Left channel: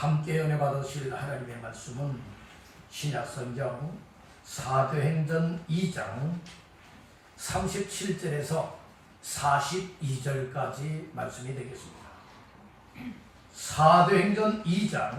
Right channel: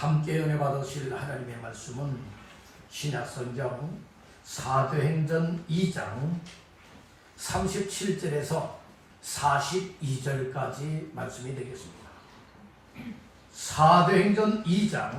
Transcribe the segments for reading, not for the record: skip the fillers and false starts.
함께 은혜 받으실 하나님의 말씀은 신약성경 사도행전 2장 37절에서 42절까지 말씀이 되겠습니다. 사도행전 2장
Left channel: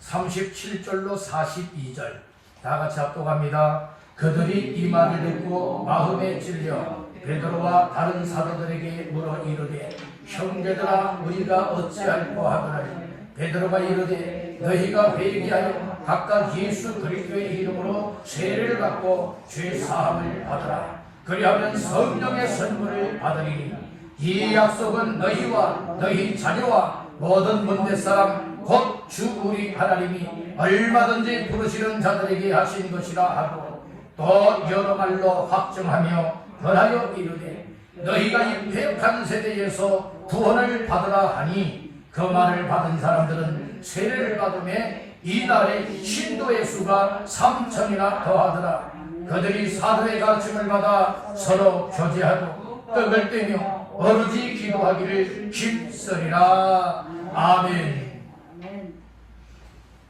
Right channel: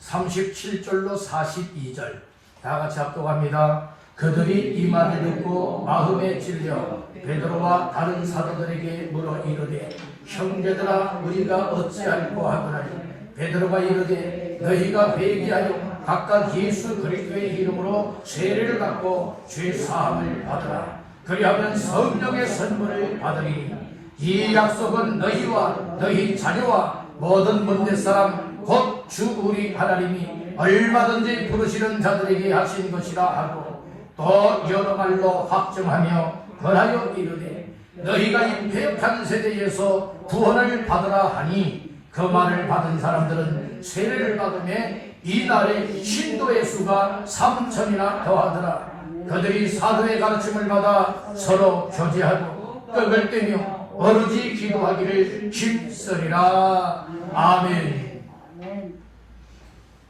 37절로 42절 다같이 합독합니다. 그들이 이 말을 듣고 마음에 찔려 베드로와 다른 사도들에게 물어 이르되 형제들아 우리가 어찌할꼬 하더라. 베드로가 이르되 너희가 회개하여 각각 예수 그리스도의 이름으로 세례를 받고 죄 사함을 받으라. 그리하면 성령의 선물을 받으리니 이 약속은 너희와 너희 자녀와 모든 문대 사람 곧 주 우리 하나님이 얼마든지 부르시는 자들에게 하신 것이라 하고 또 여러 말로 확정하며 권하여 이르되 너희가 임팩한 세대에서 구원을 받으라 하니 그 말을 받은 사람들은 세례를 받음에 이날에 신도의 수가 3천이나 더하더라. 그들이 사도의 가르침을 받아 서로 교제하고 떡을 떼며 오로지 기도하기를 힘쓰리라. 아멘.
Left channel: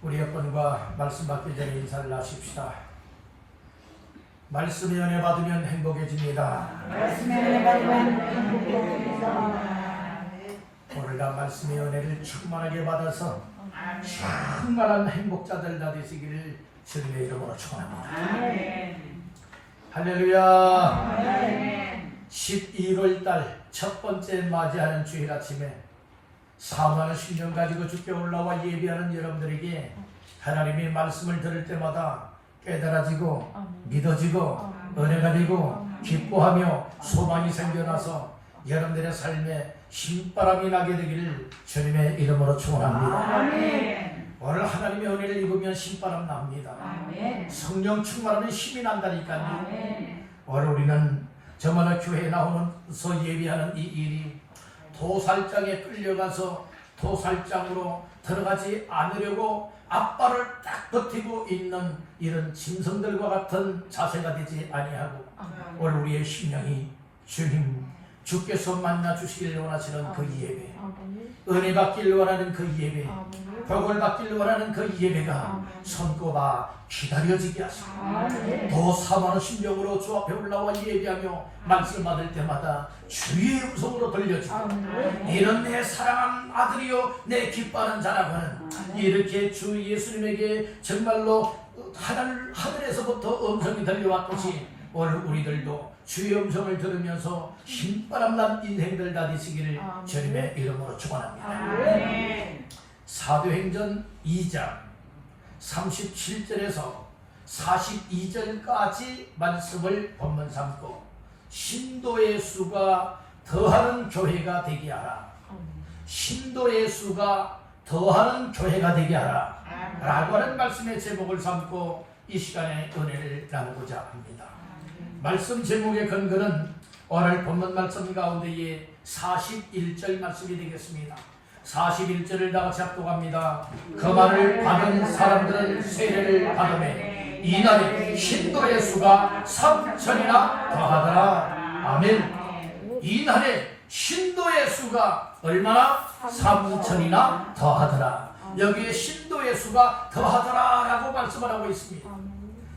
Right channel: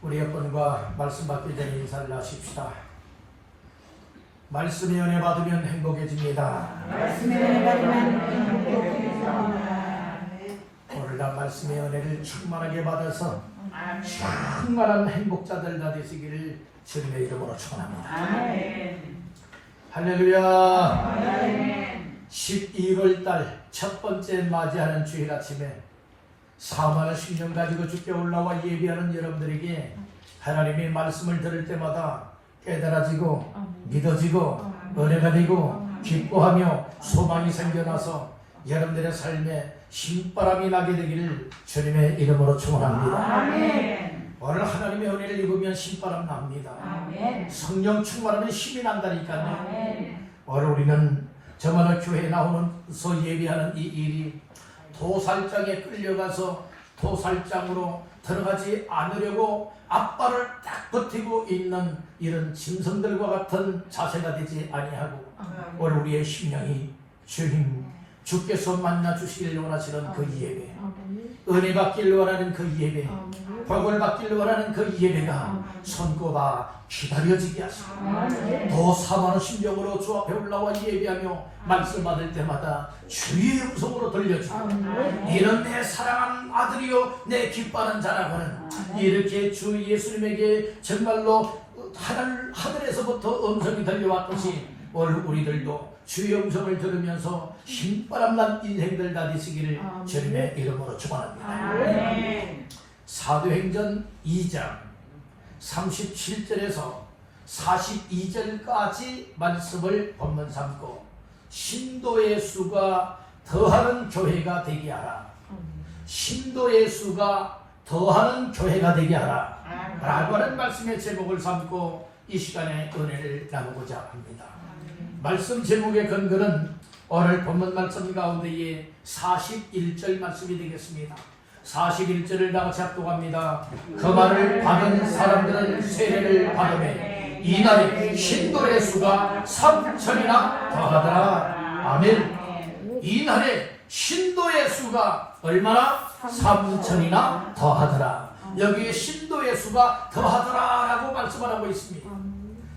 우리 여러분과 말씀 받기 전에 인사를 하십시다. 말씀의 은혜 받으면 행복해집니다. 말씀의 은혜 받으면 행복해집니다. 오늘날 말씀의 은혜를 충만하게 받아서 충만한 행복자들 다 되시기를 주님의 이름으로 축원합니다. 할렐루야. 12월달 첫 번째 맞이하는 주일 아침에 사모하는 심령 가지고 주께 올라와 예배하는 여러분들에게 하나님의 말씀을 들을 때마다 깨달아지고 믿어지고 은혜가 되고 기뻐하며 소망이 생겨나서 여러분들의 삶에 신바람이 나게 되기를 주님의 이름으로 축원합니다. 오늘 하나님의 은혜를 입으면 신바람 납니다. 성령 충만하면 힘이 난다니까요. 오늘 우리는 저번에 교회에 나오면서 예배하는 이 일이 도살장에 끌려가서 도살장으로 들어가지 않으려고 앞발을 딱 버티고 있는 이런 짐승들과 같은 자세가 되지 아니하고 오늘 우리의 심령이 주님 주께서 만나 주시길 원하시는 그 예배, 은혜 받기를 원하는 그 예배, 복을 받기를 원하는 그 예배가 손꼽아 기다려지게 하시고 더 사모하는 심령으로 주 앞에 올라와 예배하며 말씀 받을 때마다 주의 음성으로 들려주고 이런 내 사랑하는 아들이요 내 기뻐하는 자라고는 이렇게 주 예수님에게 정말로 하늘에서부터 음성이 들려왔듯이 오늘 우리들도 주의 음성을 들으면서 신바람난 인생들 다 되시기를 주님의 이름으로 축원합니다. 사도행전 2장 37절에서 42절까지 말씀을 본문 삼고 신도의 수가 더하는 교회가 되게 하라. 신도의 수가 더하는 교회가 되게 하라 라고 하는 말씀의 제목을 삼고 이 시간에 은혜를 나누고자 합니다. 말씀 제목의 근거는 오늘 본문 말씀 가운데에 41절 말씀이 되겠습니다. 41절을 다같이 합독합니다. 그 말을 받은 사람들은 세례를 받으며 이날에 신도의 수가 3천이나 더하더라. 아멘. 이날에 신도의 수가 얼마나? 3천이나 더하더라. 여기에 신도의 수가 더하더라 라고 말씀을 하고 있습니다.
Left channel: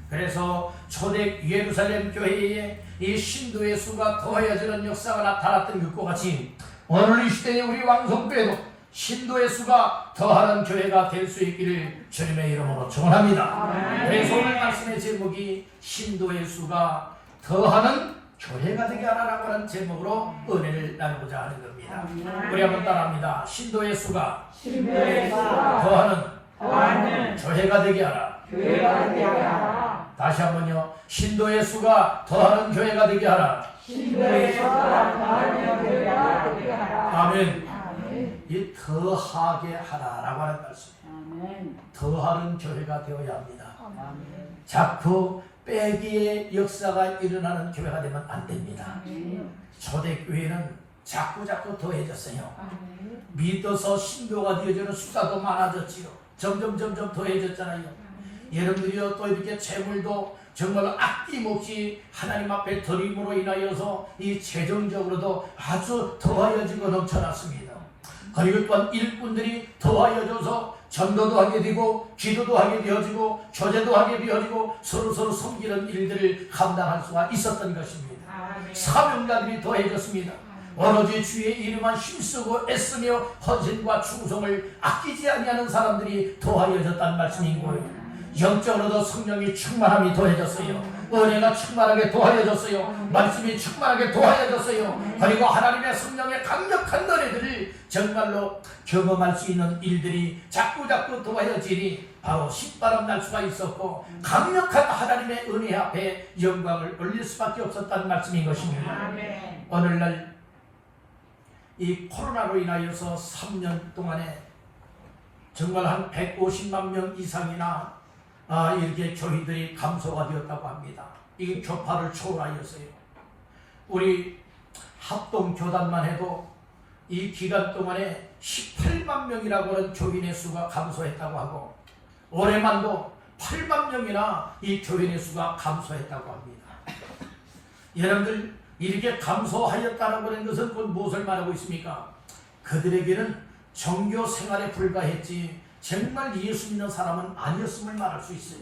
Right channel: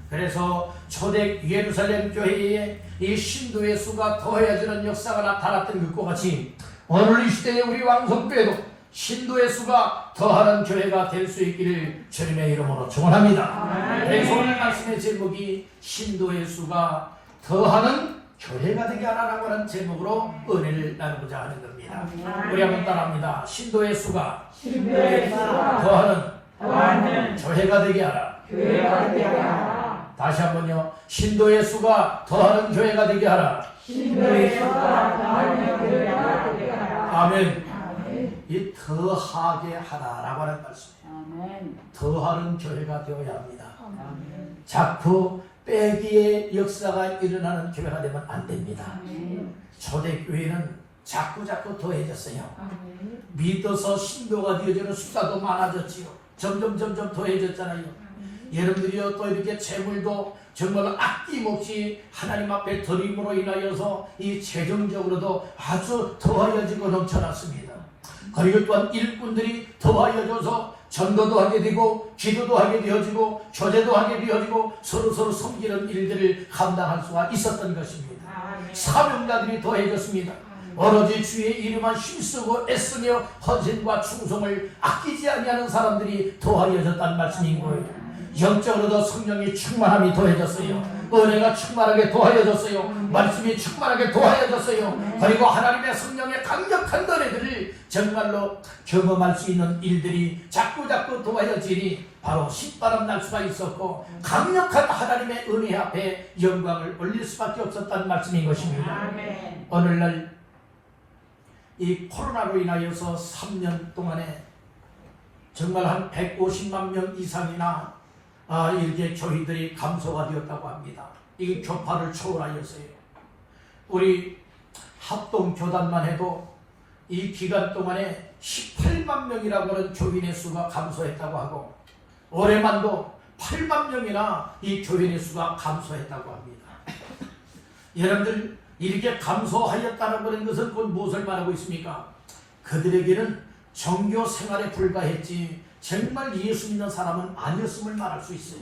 그래서 초대 예루살렘 교회에 이 신도의 수가 더해지는 역사가 나타났던 것과 같이 오늘 이 시대에 우리 왕성교회도 신도의 수가 더하는 교회가 될 수 있기를 주님의 이름으로 축원합니다. 그래서 오늘 말씀의 제목이 신도의 수가 더하는 교회가 되게 하라고 하는 제목으로 은혜를 나누고자 하는 겁니다. 우리 한번 따라합니다. 신도의 수가 더하는 교회가 되게 하라. 다시 한번요. 신도의 수가 더하는 교회가 되게 하라. 아멘. 이 더하게 하라라고 하는 말씀이에요. 더하는 교회가 되어야 합니다. 자꾸 빼기의 역사가 일어나는 교회가 되면 안 됩니다. 초대교회는 자꾸 더해졌어요. 믿어서 신도가 되어지는 숫자도 많아졌지요. 점점 더해졌잖아요. 여러분들이요 또 이렇게 재물도 정말 아낌없이 하나님 앞에 드림으로 인하여서 이 재정적으로도 아주 더하여지고 넘쳐났습니다. 그리고 또한 일꾼들이 더하여져서 전도도 하게 되고 기도도 하게 되어지고 교제도 하게 되어지고 서로서로 섬기는 일들을 감당할 수가 있었던 것입니다. 사명자들이 더해졌습니다. 오로지 주의 이름만 힘쓰고 애쓰며 헌신과 충성을 아끼지 아니하는 사람들이 더하여졌다는 말씀인 거예요. 영적으로도 성령이 충만함이 더해졌어요. 은혜가 충만하게 더하여졌어요. 말씀이 충만하게 더하여졌어요. 그리고 하나님의 성령의 강력한 노래들을 정말로 경험할 수 있는 일들이 자꾸자꾸 더하여지니 바로 신바람 날 수가 있었고 강력한 하나님의 은혜 앞에 영광을 올릴 수밖에 없었다는 말씀인 것입니다. 오늘날 이 코로나로 인하여서 3년 동안에 정말 한 150만 명 이상이나 이렇게 교회들이 감소가 되었다고 합니다. 이게 교파를 초월하였어요. 우리 합동교단만 해도 이 기간 동안에 18만 명이라고 하는 교인의 수가 감소했다고 하고 올해만도 8만 명이나 이 교인의 수가 감소했다고 합니다. 여러분들 이렇게 감소하였다는 것은 그건 무엇을 말하고 있습니까? 그들에게는 종교 생활에 불과했지 정말 예수 믿는 사람은 아니었음을 말할 수 있어요.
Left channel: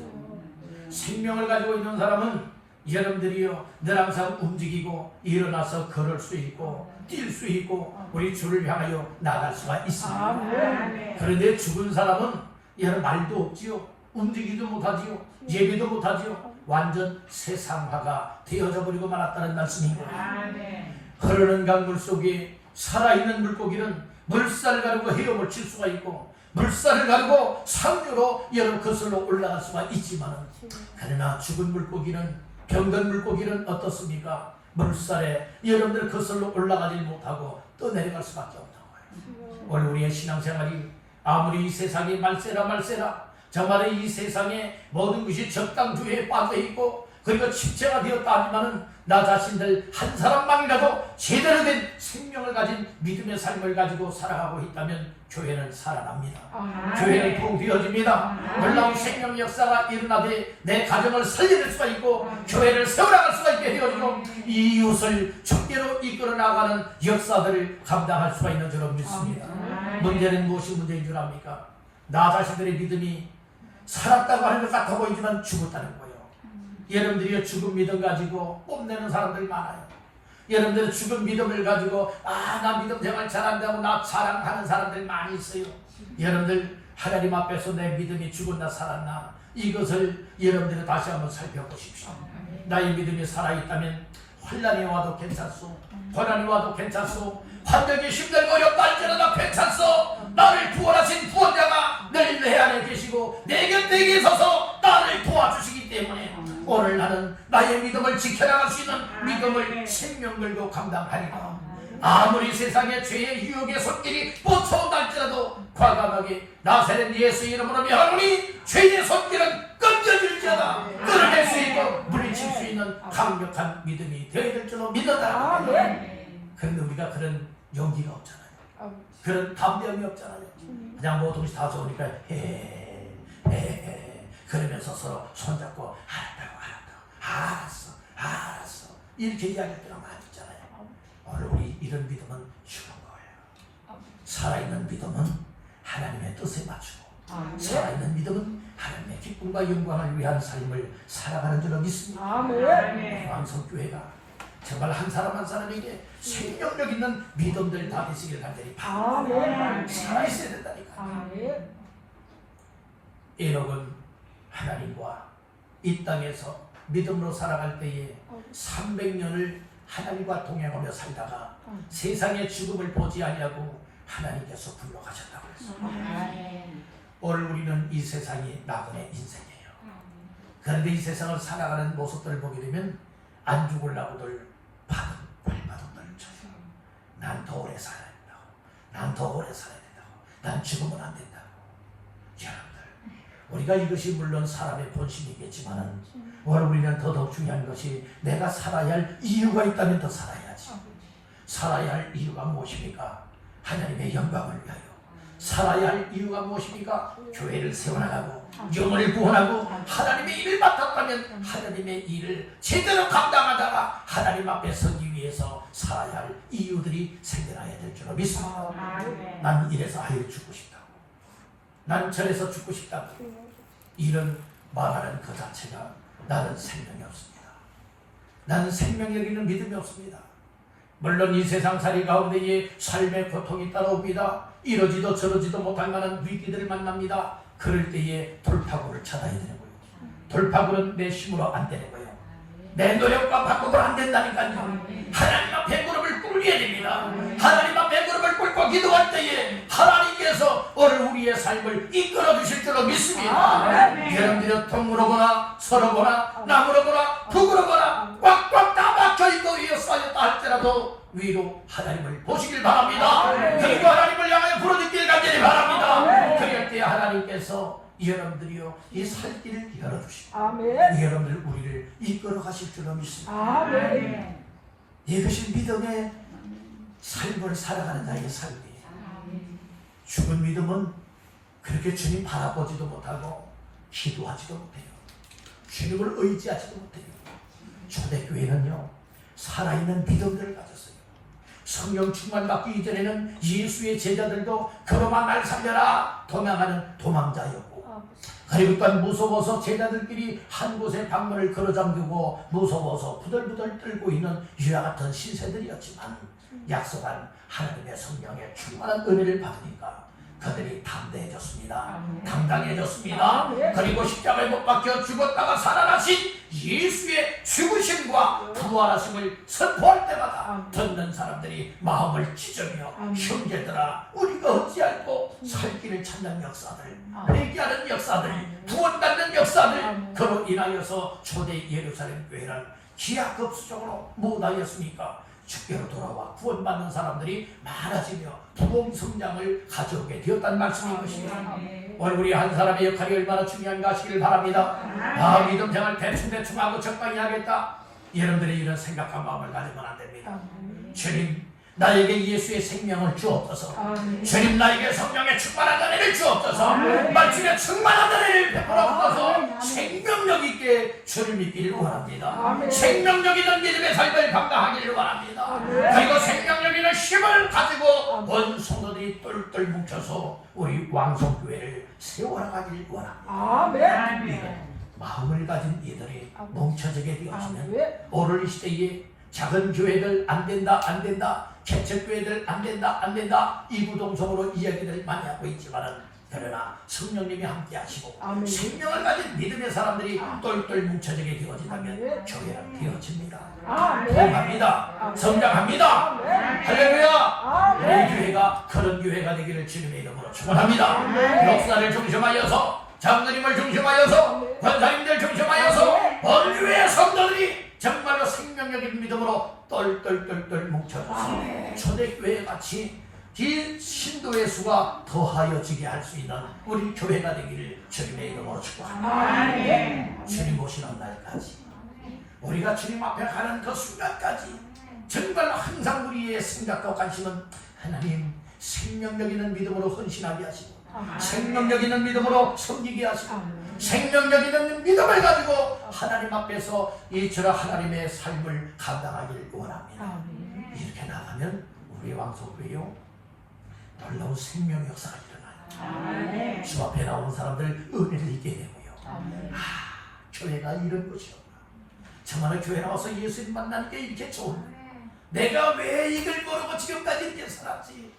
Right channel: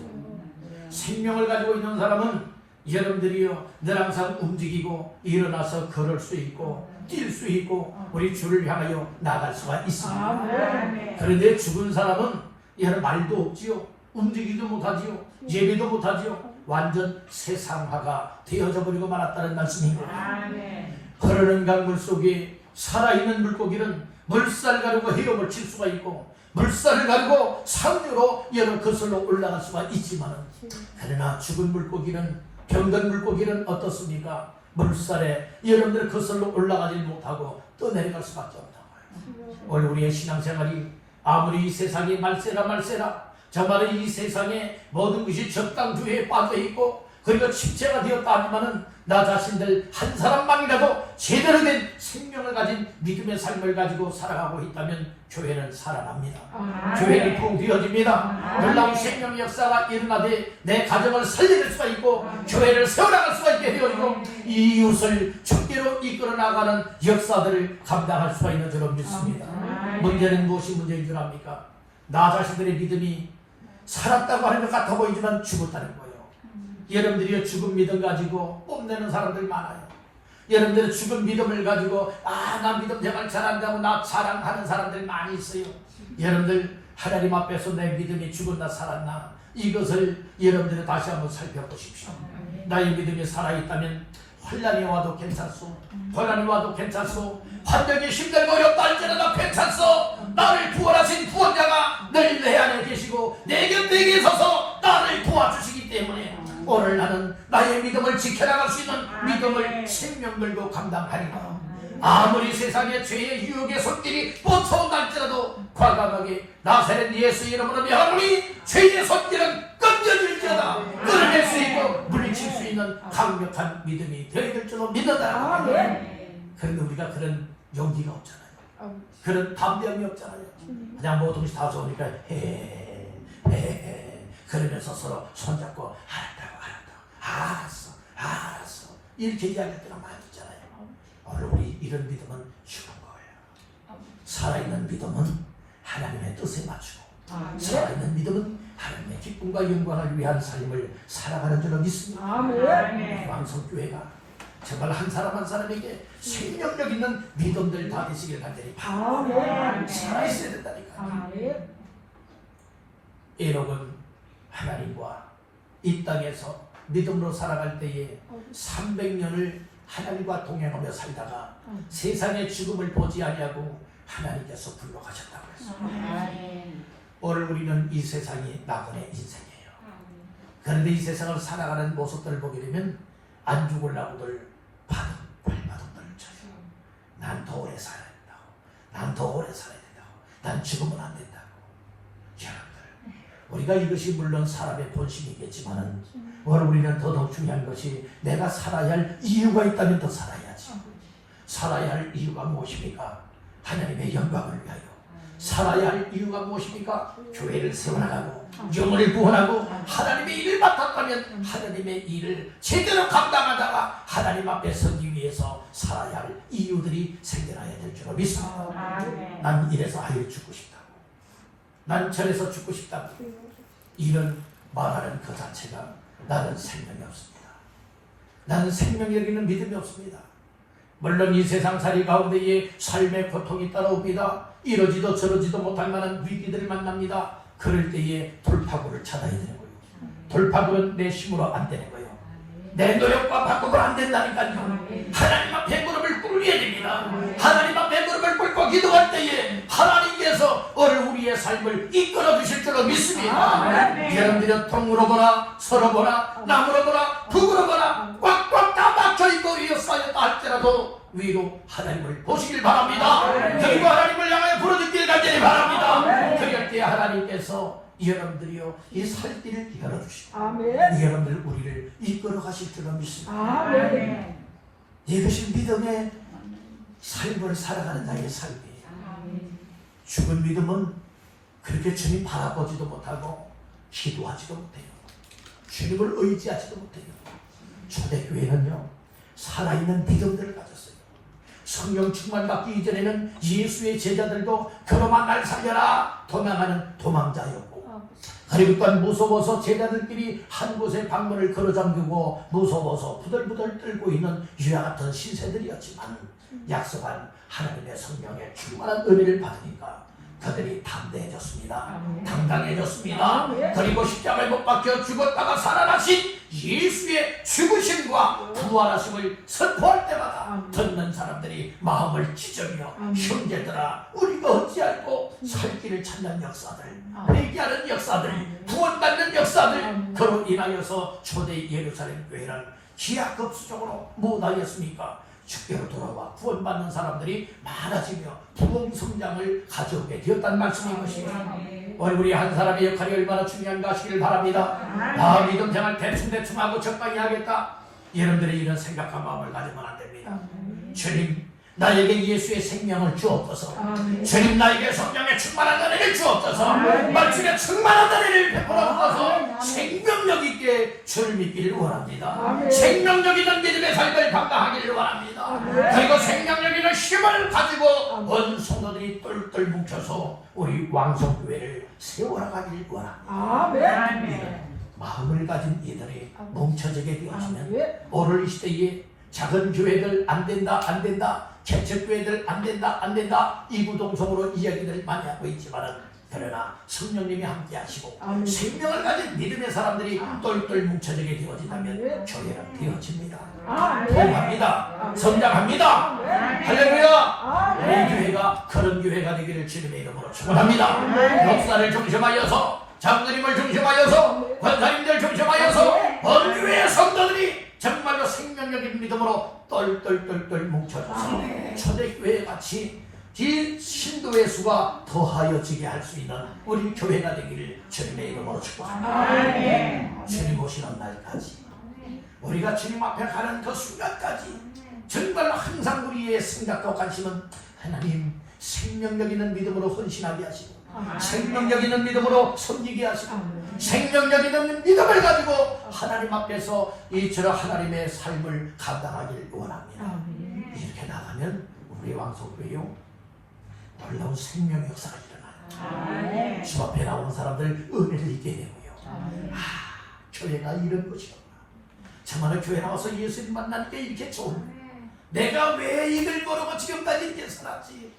생명을 가지고 있는 사람은 여러분들이요 늘 항상 움직이고 일어나서 걸을 수 있고 뛸 수 있고 우리 주를 향하여 나갈 수가 있습니다. 그런데 죽은 사람은 여러분 말도 없지요. 움직이지도 못하지요. 예배도 못하지요. 완전 세상화가 되어져 버리고 말았다는 말씀인 거예요. 흐르는 강물 속에 살아있는 물고기는 물살을 가르고 헤엄을 칠 수가 있고 물살을 가르고 상류로 여러 거슬러 올라갈 수가 있지만 그러나 죽은 물고기는 병든 물고기는 어떻습니까? 물살에 여러분들 거슬러 올라가지 못하고 떠내려갈 수밖에 없다고 해요. 오늘 우리의 신앙생활이 아무리 이 세상이 말세라 정말 이 세상에 모든 것이 적당주의에 빠져있고 그리고 침체가 되었다 하지만은 나 자신들 한 사람만이라도 제대로 된 생명을 가진 믿음의 삶을 가지고 살아가고 있다면 교회는 살아납니다. 교회는 부흥되어집니다. 놀라운 생명 역사가 일어나되 내 가정을 살려낼 수가 있고 교회를 세워나갈 수가 있게 되어지고 이웃을 축제로 이끌어 나가는 역사들을 감당할 수가 있는 줄로 믿습니다. 문제는 무엇이 문제인 줄 압니까? 나 자신들의 믿음이 살았다고 하는 것 같아 보이지만 죽었다는 거예요. 여러분들이 죽은 믿음 가지고 뽐내는 사람들 많아요. 여러분들은 죽은 믿음을 가지고 나 믿음 생활 잘한다고 나 자랑하는 사람들 많이 있어요. 여러분들 하나님 앞에서 내 믿음이 죽었나 살았나 이것을 여러분들이 다시 한번 살펴보십시오. 나의 믿음이 살아있다면 환난이 와도 괜찮소. 고난이 와도 괜찮소. 환경이 힘들고 어렵다 할지라도 괜찮소. 나를 구원하신 구원자가 늘 내 안에 계시고 내 곁에 서서 나를 도와주시기 때문에 오늘 나는 나의 믿음을 지켜나갈 수 있는 믿음을 생명 걸고 감당하리라. 아무리 세상에 죄의 유혹의 손길이 뻗쳐온다 할지라도 과감하게 나사렛 예수 이름으로 명하노니 죄의 손길은 끊겨질지어다. 끊어낼 수 있고 물리칠 수 있는 강력한 믿음이 되어야 될 줄로 믿는다라고 합니다. 그런데 우리가 그런 용기가 없잖아요. 그런 담대함이 없잖아요. 그냥 모든 것이 다 좋으니까 그러면서 서로 손잡고 알았어 이렇게 이야기할 때가 많이 있잖아요. 오늘 우리 이런 믿음은 죽은 거예요. 살아있는 믿음은 하나님의 뜻에 맞추고 살아있는 믿음은 하나님의 기쁨과 영광을 위한 삶을 살아가는 줄로 믿습니다. 왕성교회가 정말 한 사람 한 사람에게 생명력 있는 믿음들 다 되시길 간절히 바랍니다. 살아있어야 된다니까. 에녹은 하나님과 이 땅에서 믿음으로 살아갈 때에 300년을 하나님과 동행하며 살다가 세상의 죽음을 보지 아니하고 하나님께서 불러가셨다고 했어요. 오늘 우리는 이 세상이 나그네 인생이에요. 그런데 이 세상을 살아가는 모습들을 보게 되면 안 죽으려고들 발바닥들을 쳐요. 난 더 오래 살아야 된다고. 난 더 오래 살아야 된다고. 난 죽으면 안 된다고. 여러분들, 우리가 이것이 물론 사람의 본심이겠지만 오늘 우리는 더더욱 중요한 것이 내가 살아야 할 이유가 있다면 더 살아야지. 살아야 할 이유가 무엇입니까? 하나님의 영광을 위하여 살아야 할 이유가 무엇입니까? 교회를 세워나가고 영혼을 구원하고 하나님의 일을 맡았다면 하나님의 일을 제대로 감당하다가 하나님 앞에 서기 위해서 살아야 할 이유들이 생겨나야 될 줄로 믿습니다. 난 이래서 아예 죽고 싶다고, 난 저래서 죽고 싶다고, 이런 말하는 그 자체가 나는 생명이 없습니다. 나는 생명력있는 믿음이 없습니다. 물론 이 세상살이 가운데에 삶의 고통이 따라옵니다. 이러지도 저러지도 못할 만한 위기들을 만납니다. 그럴 때에 돌파구를 찾아야 되는 거예요. 돌파구는 내 힘으로 안 되는 거예요. 내 노력과 바꾸면 안 된다니까요. 하나님 앞에 무릎을 꿇어야 됩니다. 하나님 앞에 무릎을 꿇고 기도할 때에 하나님께서 오늘 우리의 삶을 이끌어 주실 줄로 믿습니다. 여러분들이 통으로 보나 서로 보나 나무로 보나 북으로 보나 꽉꽉 다 막혀있고 이어싸였다 할지라도 위로 하나님을 보시길 바랍니다. 그리고 하나님을 향하여 부르짖길 간절히 바랍니다. 그럴 때 하나님께서 여러분들이요 이 살 길을 열어주시고 여러분들 우리를 이끌어 가실 줄로 믿습니다. 이것이 믿음의 삶을 살아가는 자의 삶이에요. 죽은 믿음은 그렇게 주님 바라보지도 못하고 기도하지도 못해요. 주님을 의지하지도 못해요. 초대교회는요 살아있는 믿음들을 가졌어요. 성령 충만 받기 이전에는 예수의 제자들도 그로만 날 살려라 도망하는 도망자였고, 그리고 또 무서워서 제자들끼리 한 곳에 방문을 걸어 잠그고 무서워서 부들부들 떨고 있는 유아 같은 신세들이었지만 약속한 하나님의 성령의 충만한 은혜를 받으니까 그들이 담대해졌습니다. 당당해졌습니다. 그리고 십자가에 못 박혀 죽었다가 살아나신 예수의 죽으심과 부활하심을 선포할 때마다 듣는 사람들이 마음을 찢으며 형제들아 우리가 어찌할꼬 살 길을 찾는 역사들, 회개하는 역사들, 구원받는 역사들, 그로 인하여서 초대 예루살렘 교회는 기하급수적으로 무엇하였습니까? 주께로 돌아와 구원받는 사람들이 많아지며 부흥 성장을 가져오게 되었다는 말씀인 것입니다. 오늘 우리 한 사람의 역할이 얼마나 중요한가 하시길 바랍니다. 믿음 생활 대충대충 하고 적당히 하겠다, 여러분들이 이런 생각한 마음을 가지면 안 됩니다. 주님 나에게 예수의 생명을 주옵소서. 주님 나에게 성령의 충만한 은혜를 주옵소서. 말씀의 충만한 은혜를 베풀어 주셔서 생명력 있게 주를 믿기를 원합니다. 생명력 있는 믿음의 삶을 감당하기를 원합니다. 그리고 생명력 있는 힘을 가지고 온 성도들이 똘똘 뭉쳐서 우리 왕성교회를 세워나가기를 원합니다. 마음을 가진 이들이 뭉쳐지게 되어지면 오늘 이 시대에 작은 교회들 안 된다 개척교회들 안 된다 이구동성으로 이야기를 많이 하고 있지만은, 그러나 성령님이 함께 하시고 생명을 가진 믿음의 사람들이 똘똘 뭉쳐지게 되어진다면 교회는 되어집니다. 부흥합니다. 성장합니다. 할렐루야. 우리 교회가 그런 교회가 되기를 주님의 이름으로 축원합니다. 역사를 중심하여서 장로님을 중심하여서 권사님들 중심하여서 언교회 성도들이 정말로 생명력인 믿음으로 똘똘똘똘 뭉쳐져서 초대교회 같이 이 신도의 수가 더하여지게 할 수 있는 우리 교회가 되기를 주님의 이름으로 축복합니다. 주님 오시는 날까지 우리가 주님 앞에 가는 그 순간까지 정말 항상 우리의 생각과 관심은 하나님 생명력 있는 믿음으로 헌신하게 하시고 생명력 있는 믿음으로 섬기게 하시고 생명력 있는 믿음을 가지고 하나님 앞에서 이처럼 하나님의 삶을 감당하기를 원합니다. 이렇게 나가면 우리 왕성교회요 놀라운 생명 역사가 일어나요. 주 앞에 나오는 사람들 은혜를 잊게 되고요. 교회가 이런 것이었구나. 정말 교회 나와서 예수님 만나는 게 이렇게 좋은데 내가 왜 이걸 모르고 지금까지 이렇게 살았지.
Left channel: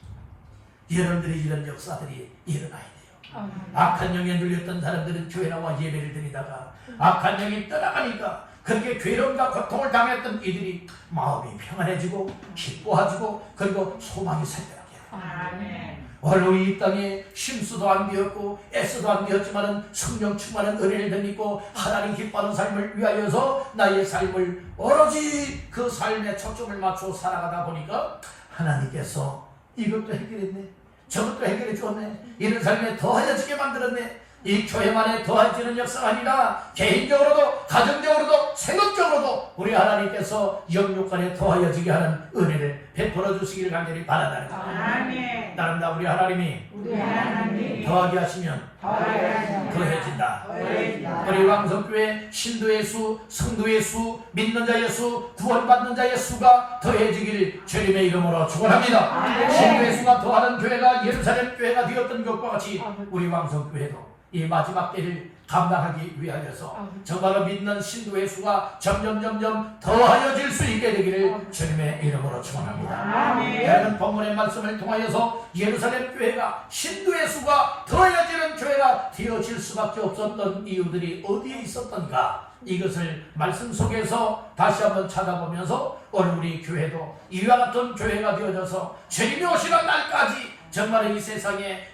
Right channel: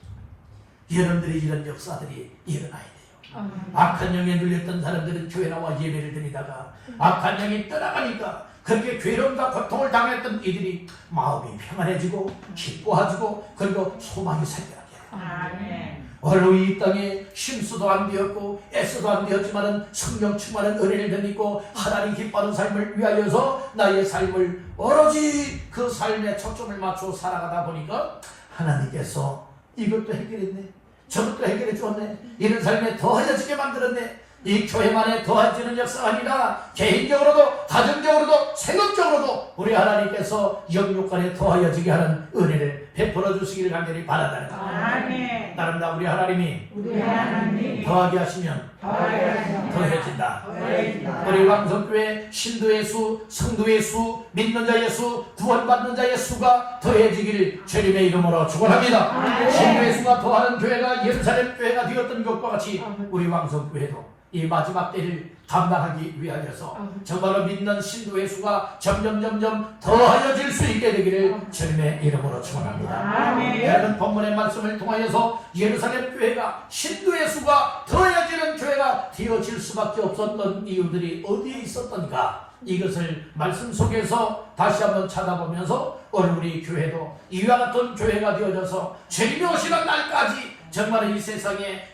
여러분들이 이런 역사들이 일어나야 돼요. 악한 영에 눌렸던 사람들은 교회 나와 예배를 드리다가 악한 영이 떠나가니까 그렇게 괴로움과 고통을 당했던 이들이 마음이 평안해지고 기뻐하지고 그리고 소망이 생겨나게 돼요. 오늘 이 땅에 힘수도 안 되었고 애써도 안 되었지만은 성령 충만한 은혜를 믿고 하나님 기뻐하는 삶을 위하여서 나의 삶을 오로지 그 삶에 초점을 맞춰 살아가다 보니까 하나님께서 이것도 해결했네, 저것도 해결해 주었네, 이런 삶에 더하여지게 만들었네. 이 교회만에 더해지는 역사가 아니라 개인적으로도 가정적으로도 생업적으로도 우리 하나님께서 영육간에 더하여지게 하는 은혜를 베풀어 주시기를 간절히 바란다는 것. 아멘. 따른다. 우리 하나님이 우리 하나님 더하게 하시면 더해진다. 우리 왕성교회 신도의 수, 성도의 수, 믿는 자의 수, 구원받는 자의 수가 더해지기를 주님의 이름으로 축원합니다. 신도의 수가 더하는 교회가 예루살렘 교회가 되었던 것과 같이 우리 왕성교회도 이 마지막 때를 감당하기 위하여서 정말로 믿는 신도의 수가 점점 더하여질 수 있게 되기를 주님의 이름으로 축원합니다. 여러분 본문의 말씀을 통하여서 예루살렘 교회가 신도의 수가 더해지는 교회가 되어질 수밖에 없었던 이유들이 어디에 있었던가, 이것을 말씀 속에서 다시 한번 찾아보면서 오늘 우리 교회도 이와 같은 교회가 되어져서 주님이 오시는 날까지 정말 이 세상에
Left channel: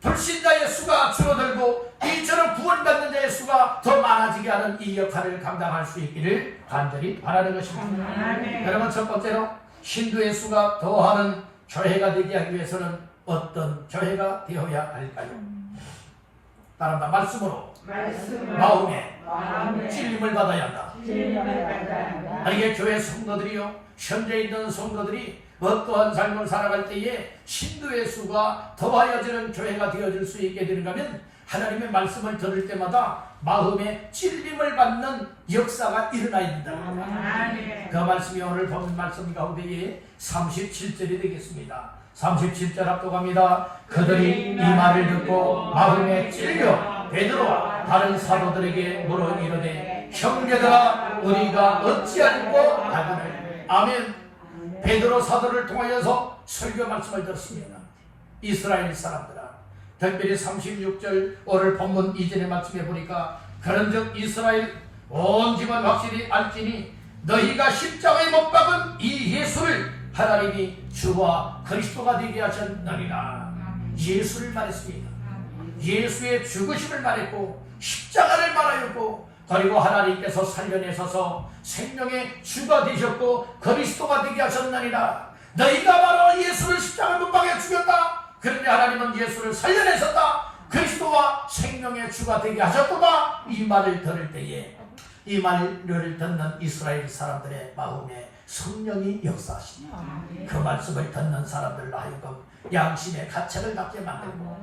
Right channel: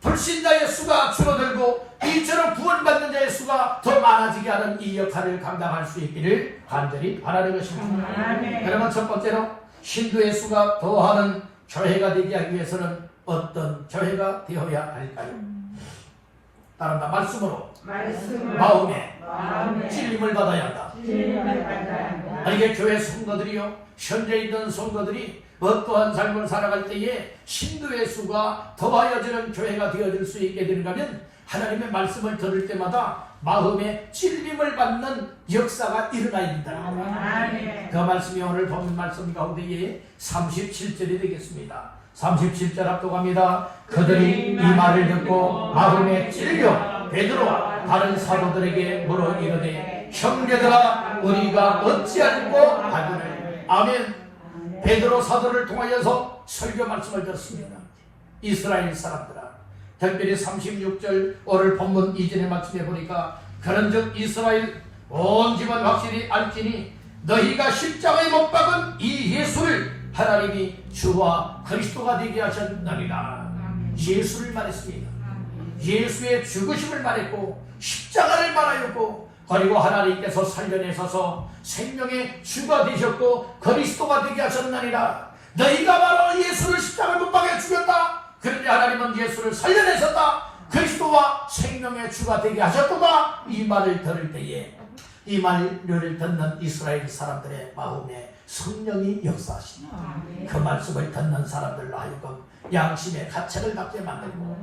불신자의 수가 줄어들고 이처럼 구원받는 자의 수가 더 많아지게 하는 이 역할을 감당할 수 있기를 간절히 바라는 것입니다. 그러면 첫 번째로 신도의 수가 더하는 교회가 되게 하기 위해서는 어떤 교회가 되어야 할까요? 따른다. 말씀으로 마음에 찔림을 받아야 한다. 이게 교회 성도들이요, 현재 있는 성도들이 어떠한 삶을 살아갈 때에 신도의 수가 더하여지는 교회가 되어질 수 있게 되는가 하면 하나님의 말씀을 들을 때마다 마음에 찔림을 받는 역사가 일어나야 된다. 그 말씀이 오늘 본 말씀 가운데에 37절이 되겠습니다. 37절 앞도갑니다. 그들이 이 말을 듣고 마음에 찔려 베드로와 다른 사도들에게 물어 이르되 형제들아 우리가 어찌하고 하기를. 아멘. 베드로 사도를 통하여서 설교 말씀을 들었습니다. 이스라엘 사람들아, 특별히 36절 오늘 본문 2절의 말씀에 보니까 그런즉 이스라엘 온 집안 확실히 알지니 너희가 십자가에 못 박은 이 예수를 하나님이 주와 그리스도가 되게 하셨느니라. 예수를 말했습니다. 예수의 죽으심을 말했고 십자가를 말하였고, 그리고 하나님께서 살려내셔서 생명의 주가 되셨고 그리스도가 되게 하셨느니라. 너희가 바로 예수를 십자가 못 박에 죽였다. 그런데 하나님은 예수를 살려내셨다. 그리스도와 생명의 주가 되게 하셨구나. 이 말을 들을 때에 이 말을 듣는 이스라엘 사람들의 마음에 성령이 역사하십니다. 그 말씀을 듣는 사람들로 하여금 양심의 가책을 갖게 만들고,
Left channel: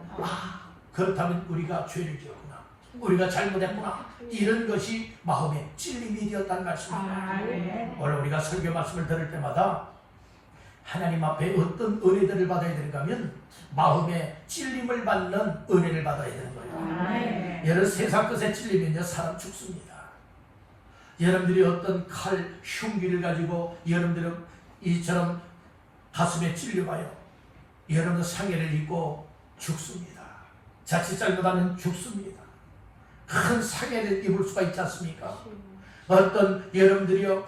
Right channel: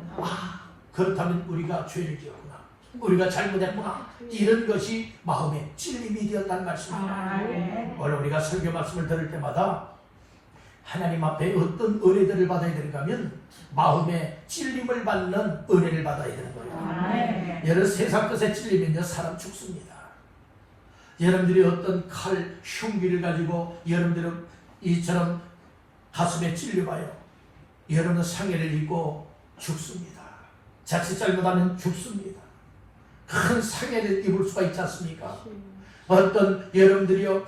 그렇다면 우리가 죄를 지었구나, 우리가 잘못했구나, 이런 것이 마음의 찔림이 되었다는 말씀입니다. 오늘 우리가 설교 말씀을 들을 때마다 하나님 앞에 어떤 은혜들을 받아야 되는가 하면 마음의 찔림을 받는 은혜를 받아야 되는 거예요. 여러분 세상 것에 찔리면 사람 죽습니다. 여러분들이 어떤 칼, 흉기를 가지고 여러분들은 이처럼 가슴에 찔려봐요. 여러분은 상해를 입고 죽습니다. 자칫 잘못하면 죽습니다. 큰 상해를 입을 수가 있지 않습니까? 어떤 여러분들이요,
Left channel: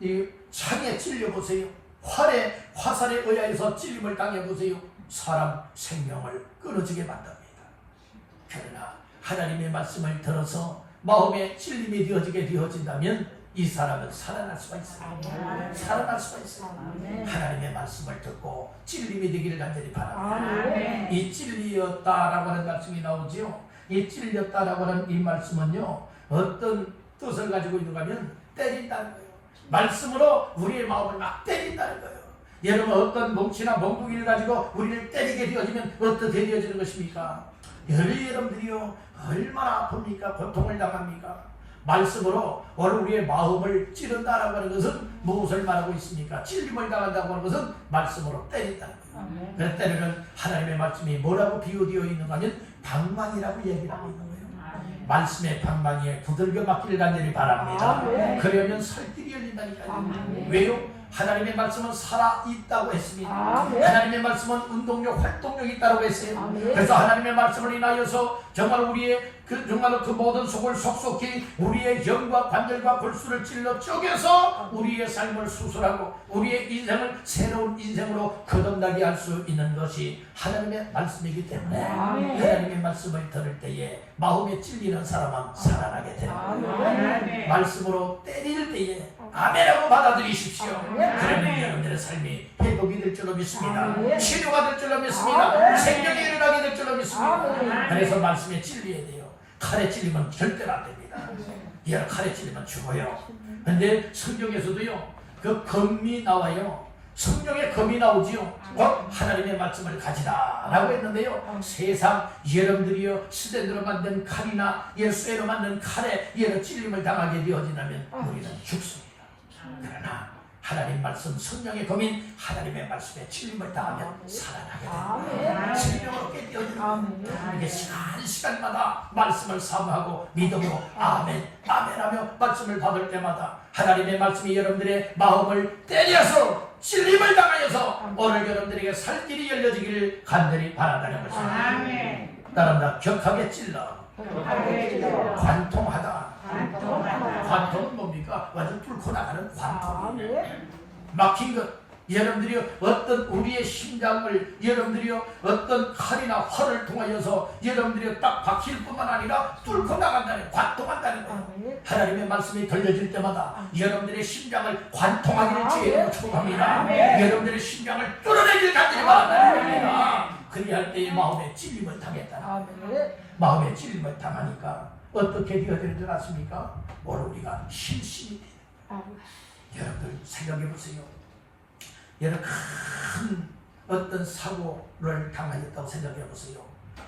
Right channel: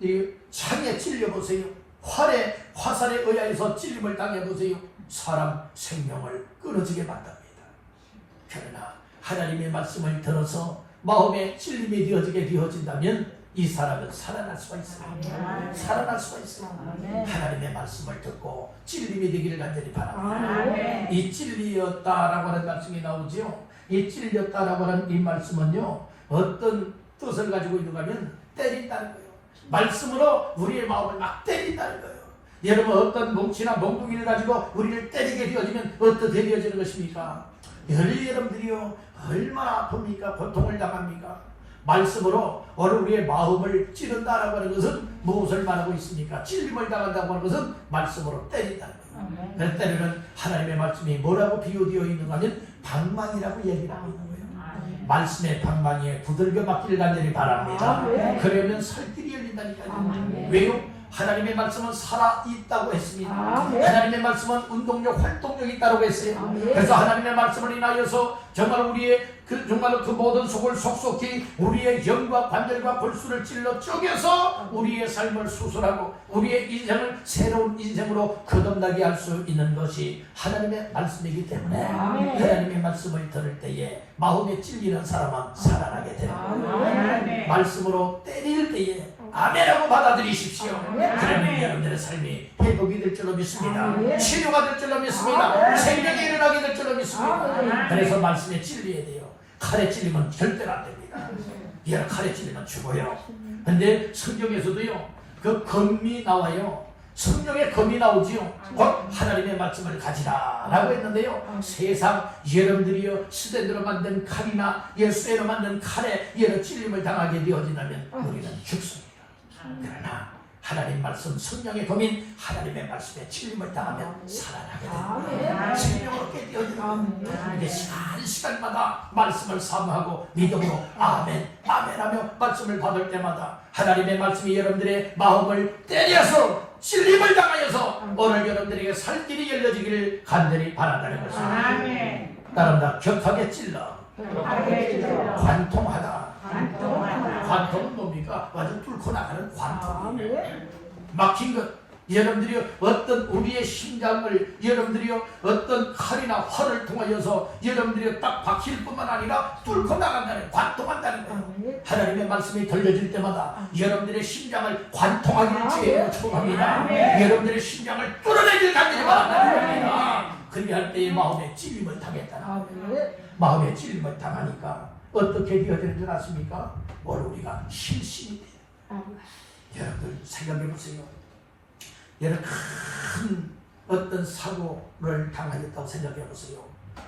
이 창에 찔려보세요. 화살에 의하여서 찔림을 당해보세요. 사람 생명을 끊어지게 만듭니다. 그러나 하나님의 말씀을 들어서 마음에 찔림이 되어진다면 이 사람은 살아날 수가 있어요. 살아날 수가 있어요. 하나님의 말씀을 듣고 찔림이 되기를 간절히 바랍니다. 이 찔리었다라고 하는 말씀이 나오지요. 이 찔렸다라고 하는 이 말씀은요, 어떤 뜻을 가지고 있는가 하면 때린다는 거예요. 말씀으로 우리의 마음을 막 때린다는 거예요. 여러분 어떤 뭉치나 몽둥이를 가지고 우리를 때리게 되어지면 어떻게 되어지는 것입니까? 여러분들이요 얼마나 아픕니까? 고통을 당합니까? 말씀으로 오늘 우리의 마음을 찌른다라고 하는 것은 무엇을 말하고 있습니까? 찔림을 당한다고 하는 것은 말씀으로 때린다는 거예요. 그래서 때리는 하나님의 말씀이 뭐라고 비유되어 있는가 하면 방망이라고 얘기를 하고 있는 거예요. 말씀의 방망이에 두들겨 맞기를 간절히 바랍니다. 그러면 살길이 열린다니까요. 왜요? 하나님의 말씀은 살아있다고 했습니다. 하나님의 말씀은 운동력, 활동력이 있다고 했어요. 그래서 하나님의 말씀을 인하여서 정말 우리의 정말로 그 모든 속을 속속히 우리의 영과 관절과 골수를 찔러 쪼개서 우리의 삶을 수술하고 우리의 인생을 새로운 인생으로 거듭나게 할 수 있는 것이 하나님의 말씀이기 때문에 하나님의 말씀을 들을 때에 마음에 찔리는 사람은 살아나게 됩니다. 말씀으로 때릴 때에 아멘하고 받아들이십시오. 그러면 여러분들의 삶이 회복이 될 줄로 믿습니다. 치료가 될 줄로 믿습니다. 생명이 일어나게 될 줄로 믿습니다. 그래서 말씀에 찔려야 돼요. 칼에 찔리면 절대로 안 됩니다. 얘가 칼에 찔리면 죽어요. 근데 성경에서도요, 그 검이 나와요. 성령의 검이 나오지요. 곧 하나님의 말씀을 가지라 라고 했는데요. 세상 여러분들이요 스탠드로 만든 칼이나 예수로 만든 칼에 여러 찔림을 당하게 되어진다면 우리는 죽습니다. 그러나 하나님 말씀 성령의 검인 하나님의 말씀에 찔림을 당하면 살아나게 됩니다. 생명으로 깨어집니다. 이게 시간마다 말씀을 사모하고 믿음으로 아멘 아멘 하며 말씀을 받을 때마다 하나님의 말씀이 여러분들의 마음을 때려서 찔림을 당하여서 오늘 여러분들에게 살 길이 열려지기를 간절히 바란다는 것입니다. 아멘. 따른다. 격하게 찔러 관통하다. 관통은 뭡니까? 완전 뚫고 나가는 관통이에요. 막힌 것. 여러분들이 어떤 우리의 심장을 여러분들이 어떤 칼이나 활을 통하여서 여러분들이 딱 박힐 뿐만 아니라 뚫고 나간다는 관통한다는 거예요. 하나님의 말씀이 들려질 때마다 여러분들의 심장을 관통하기를 주의 축복합니다. 여러분들의 심장을 뚫어내길 간절히 바란다는 겁니다. 그리할 때의 마음에 찔림을 당했다는 거예요. 마음에 찔림을 당하니까 어떻게 되어지는 줄 아십니까? 오늘 우리가 실신이 돼요. 여러분들 생각해 보세요. 여러분 큰 어떤 사고를 당하였다고 생각해 보세요.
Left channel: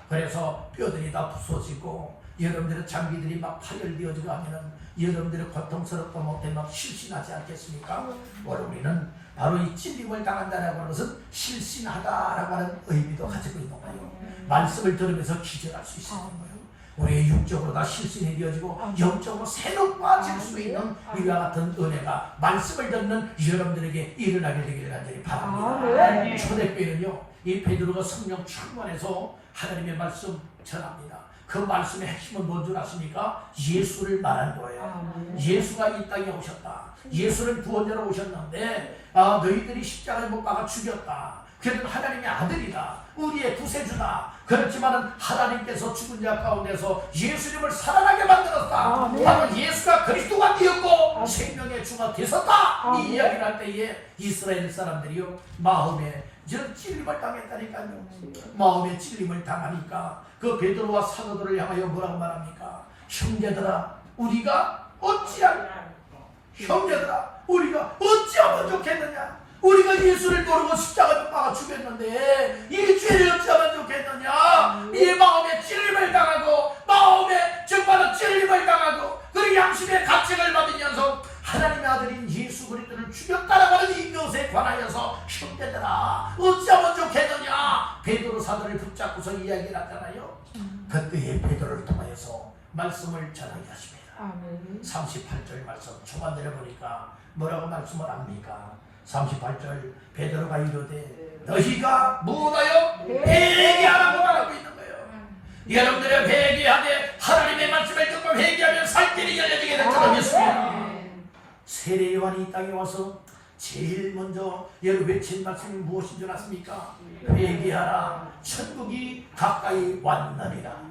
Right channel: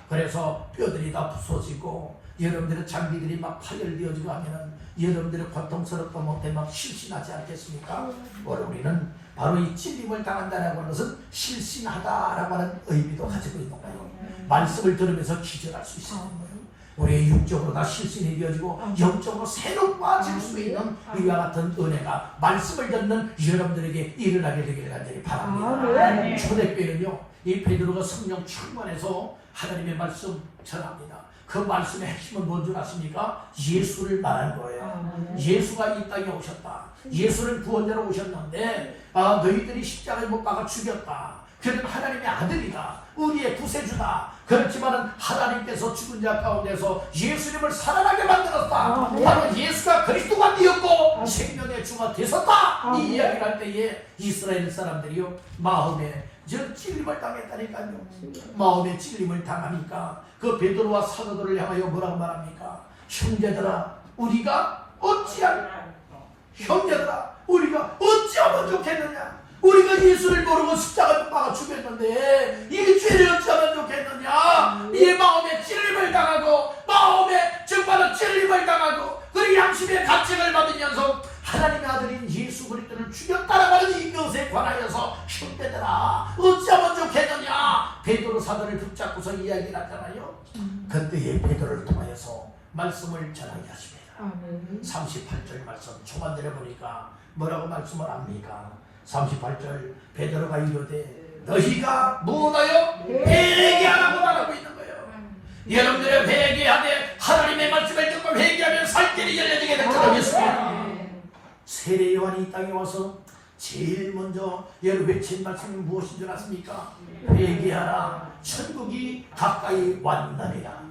그래서 뼈들이 다 부서지고 여러분들의 장기들이 막 파열되어지고 하면은 여러분들의 고통스럽다 못해 막 실신하지 않겠습니까? 오늘 우리는 바로 이 찔림을 당한다는 것은 실신하다라고 하는 의미도 가지고 있는 거예요. 말씀을 들으면서 기절할 수 있는 거예요. 우리의 육적으로 다 실신이 되어지고 영적으로 새로 빠질 수 있는 이와 같은 은혜가 말씀을 듣는 여러분들에게 일어나게 되기를 간절히 바랍니다. 초대교회는요 이 베드로가 성령 충만해서 하나님의 말씀 전합니다. 그 말씀의 핵심은 뭔 줄 아십니까? 예수를 말하는 거예요. 예수가 이 땅에 오셨다. 예수를 구원자로 오셨는데 너희들이 십자가에 못 박아 죽였다. 그는 하나님의 아들이다. 우리의 구세주다. 그렇지만 하나님께서 죽은 자 가운데서 예수님을 살아나게 만들었다. 바로 예수가 그리스도가 되었고 생명의 주가 되었다. 이 이야기를 할 때에 이스라엘 사람들이요 마음에 찔림을 당했다니까요. 마음에 찔림을 당하니까 그 베드로와 사도들을 향하여 뭐라고 말합니까? 형제들아 우리가 어찌하면 좋겠느냐? 우리가 예수를 모르고 십자가에 박아 죽였는데 이 죄를 어찌하면 좋겠느냐? 이 마음에 찔림을 당하고 마음에 정말로 찔림을 당하고 그리고 양심의 가책을 받으면서 하나님의 아들인 예수 그리스도를 죽였다라고 하는 이것에 관하여서 형제들아 어찌하면 좋겠느냐? 베드로 사도를 붙잡고서 이야기를 하잖아요. 그때에 베드로를 통하여서 말씀을 전하게 하십니다. 38절 말씀 초반절에 보니까 뭐라고 말씀을 합니까? 38절 베드로가 이르되 너희가 뭐라요? 회개하라고 말하고 있는 거예요. 여러분들의 회개하되 하나님의 말씀을 듣고 회개하면 살 길이 열려지게 될 줄을 믿습니다. 세례 요한이 이 땅에 와서 제일 먼저 여러분 외친 말씀이 무엇인 줄 아십니까? 회개하라 천국이 가까이 왔느니라.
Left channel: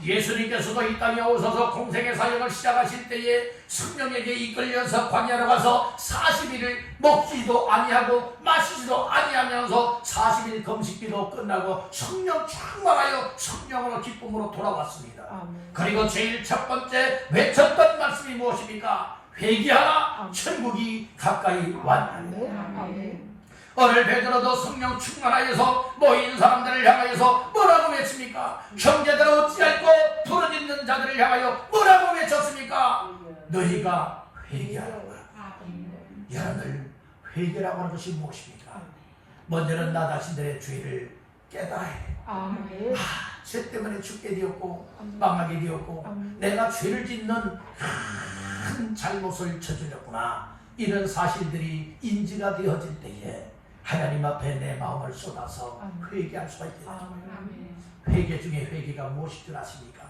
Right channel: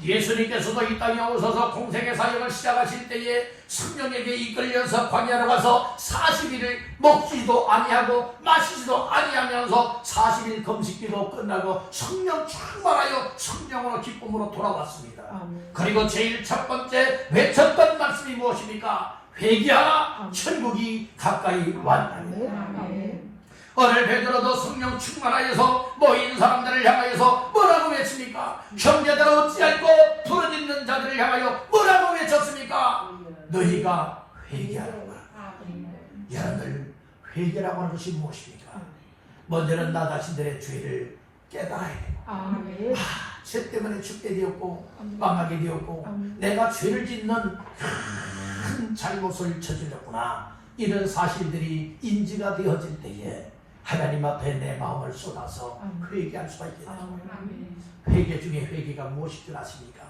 예수님께서도 이 땅에 오셔서 공생의 사역을 시작하실 때에 성령에게 이끌려서 광야로 가서 40일을 먹지도 아니하고 마시지도 아니하면서 40일 금식기도 끝나고 성령 충만하여 성령으로 기쁨으로 돌아왔습니다. 그리고 제일 첫 번째 외쳤던 말씀이 무엇입니까? 회개하라 천국이 가까이 왔느니라. 오늘 베드로도 성령 충만하여서 모인 사람들을 향하여서 뭐라고 외칩니까? 형제들 어찌할꼬 부르짖는 자들을 향하여 뭐라고 외쳤습니까? 너희가 회개하라고 하라. 여러분들 회개라고 하는 것이 무엇입니까? 먼저는 나 자신들의 죄를 깨달아야 돼요. 죄 때문에 죽게 되었고 망하게 되었고 내가 죄를 짓는 큰 잘못을 저질렀구나. 이런 사실들이 인지가 되어질 때에 하나님 앞에 내 마음을 쏟아서 회개할 수가 있겠다. 회개 중에 회개가 무엇일 줄 아십니까?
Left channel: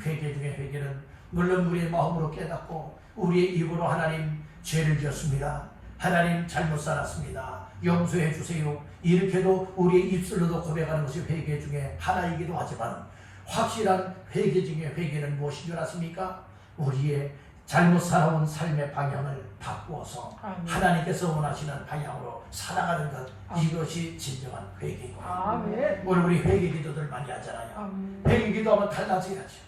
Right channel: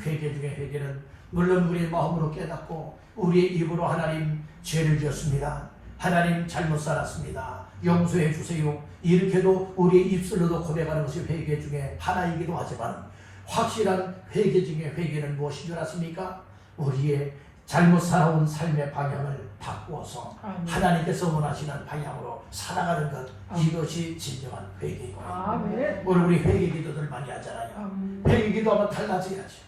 회개 중에 회개는 물론 우리의 마음으로 깨닫고 우리의 입으로 하나님 죄를 지었습니다. 하나님 잘못 살았습니다. 용서해 주세요. 이렇게도 우리의 입술로도 고백하는 것이 회개 중에 하나이기도 하지만 확실한 회개 중에 회개는 무엇인 줄 아십니까? 우리의 잘못 살아온 삶의 방향을 바꾸어서 하나님께서 원하시는 방향으로 살아가는 것, 이것이 진정한 회개입니다. 오늘 우리 회개 기도들 많이 하잖아요. 회개 기도하면 달라져야죠.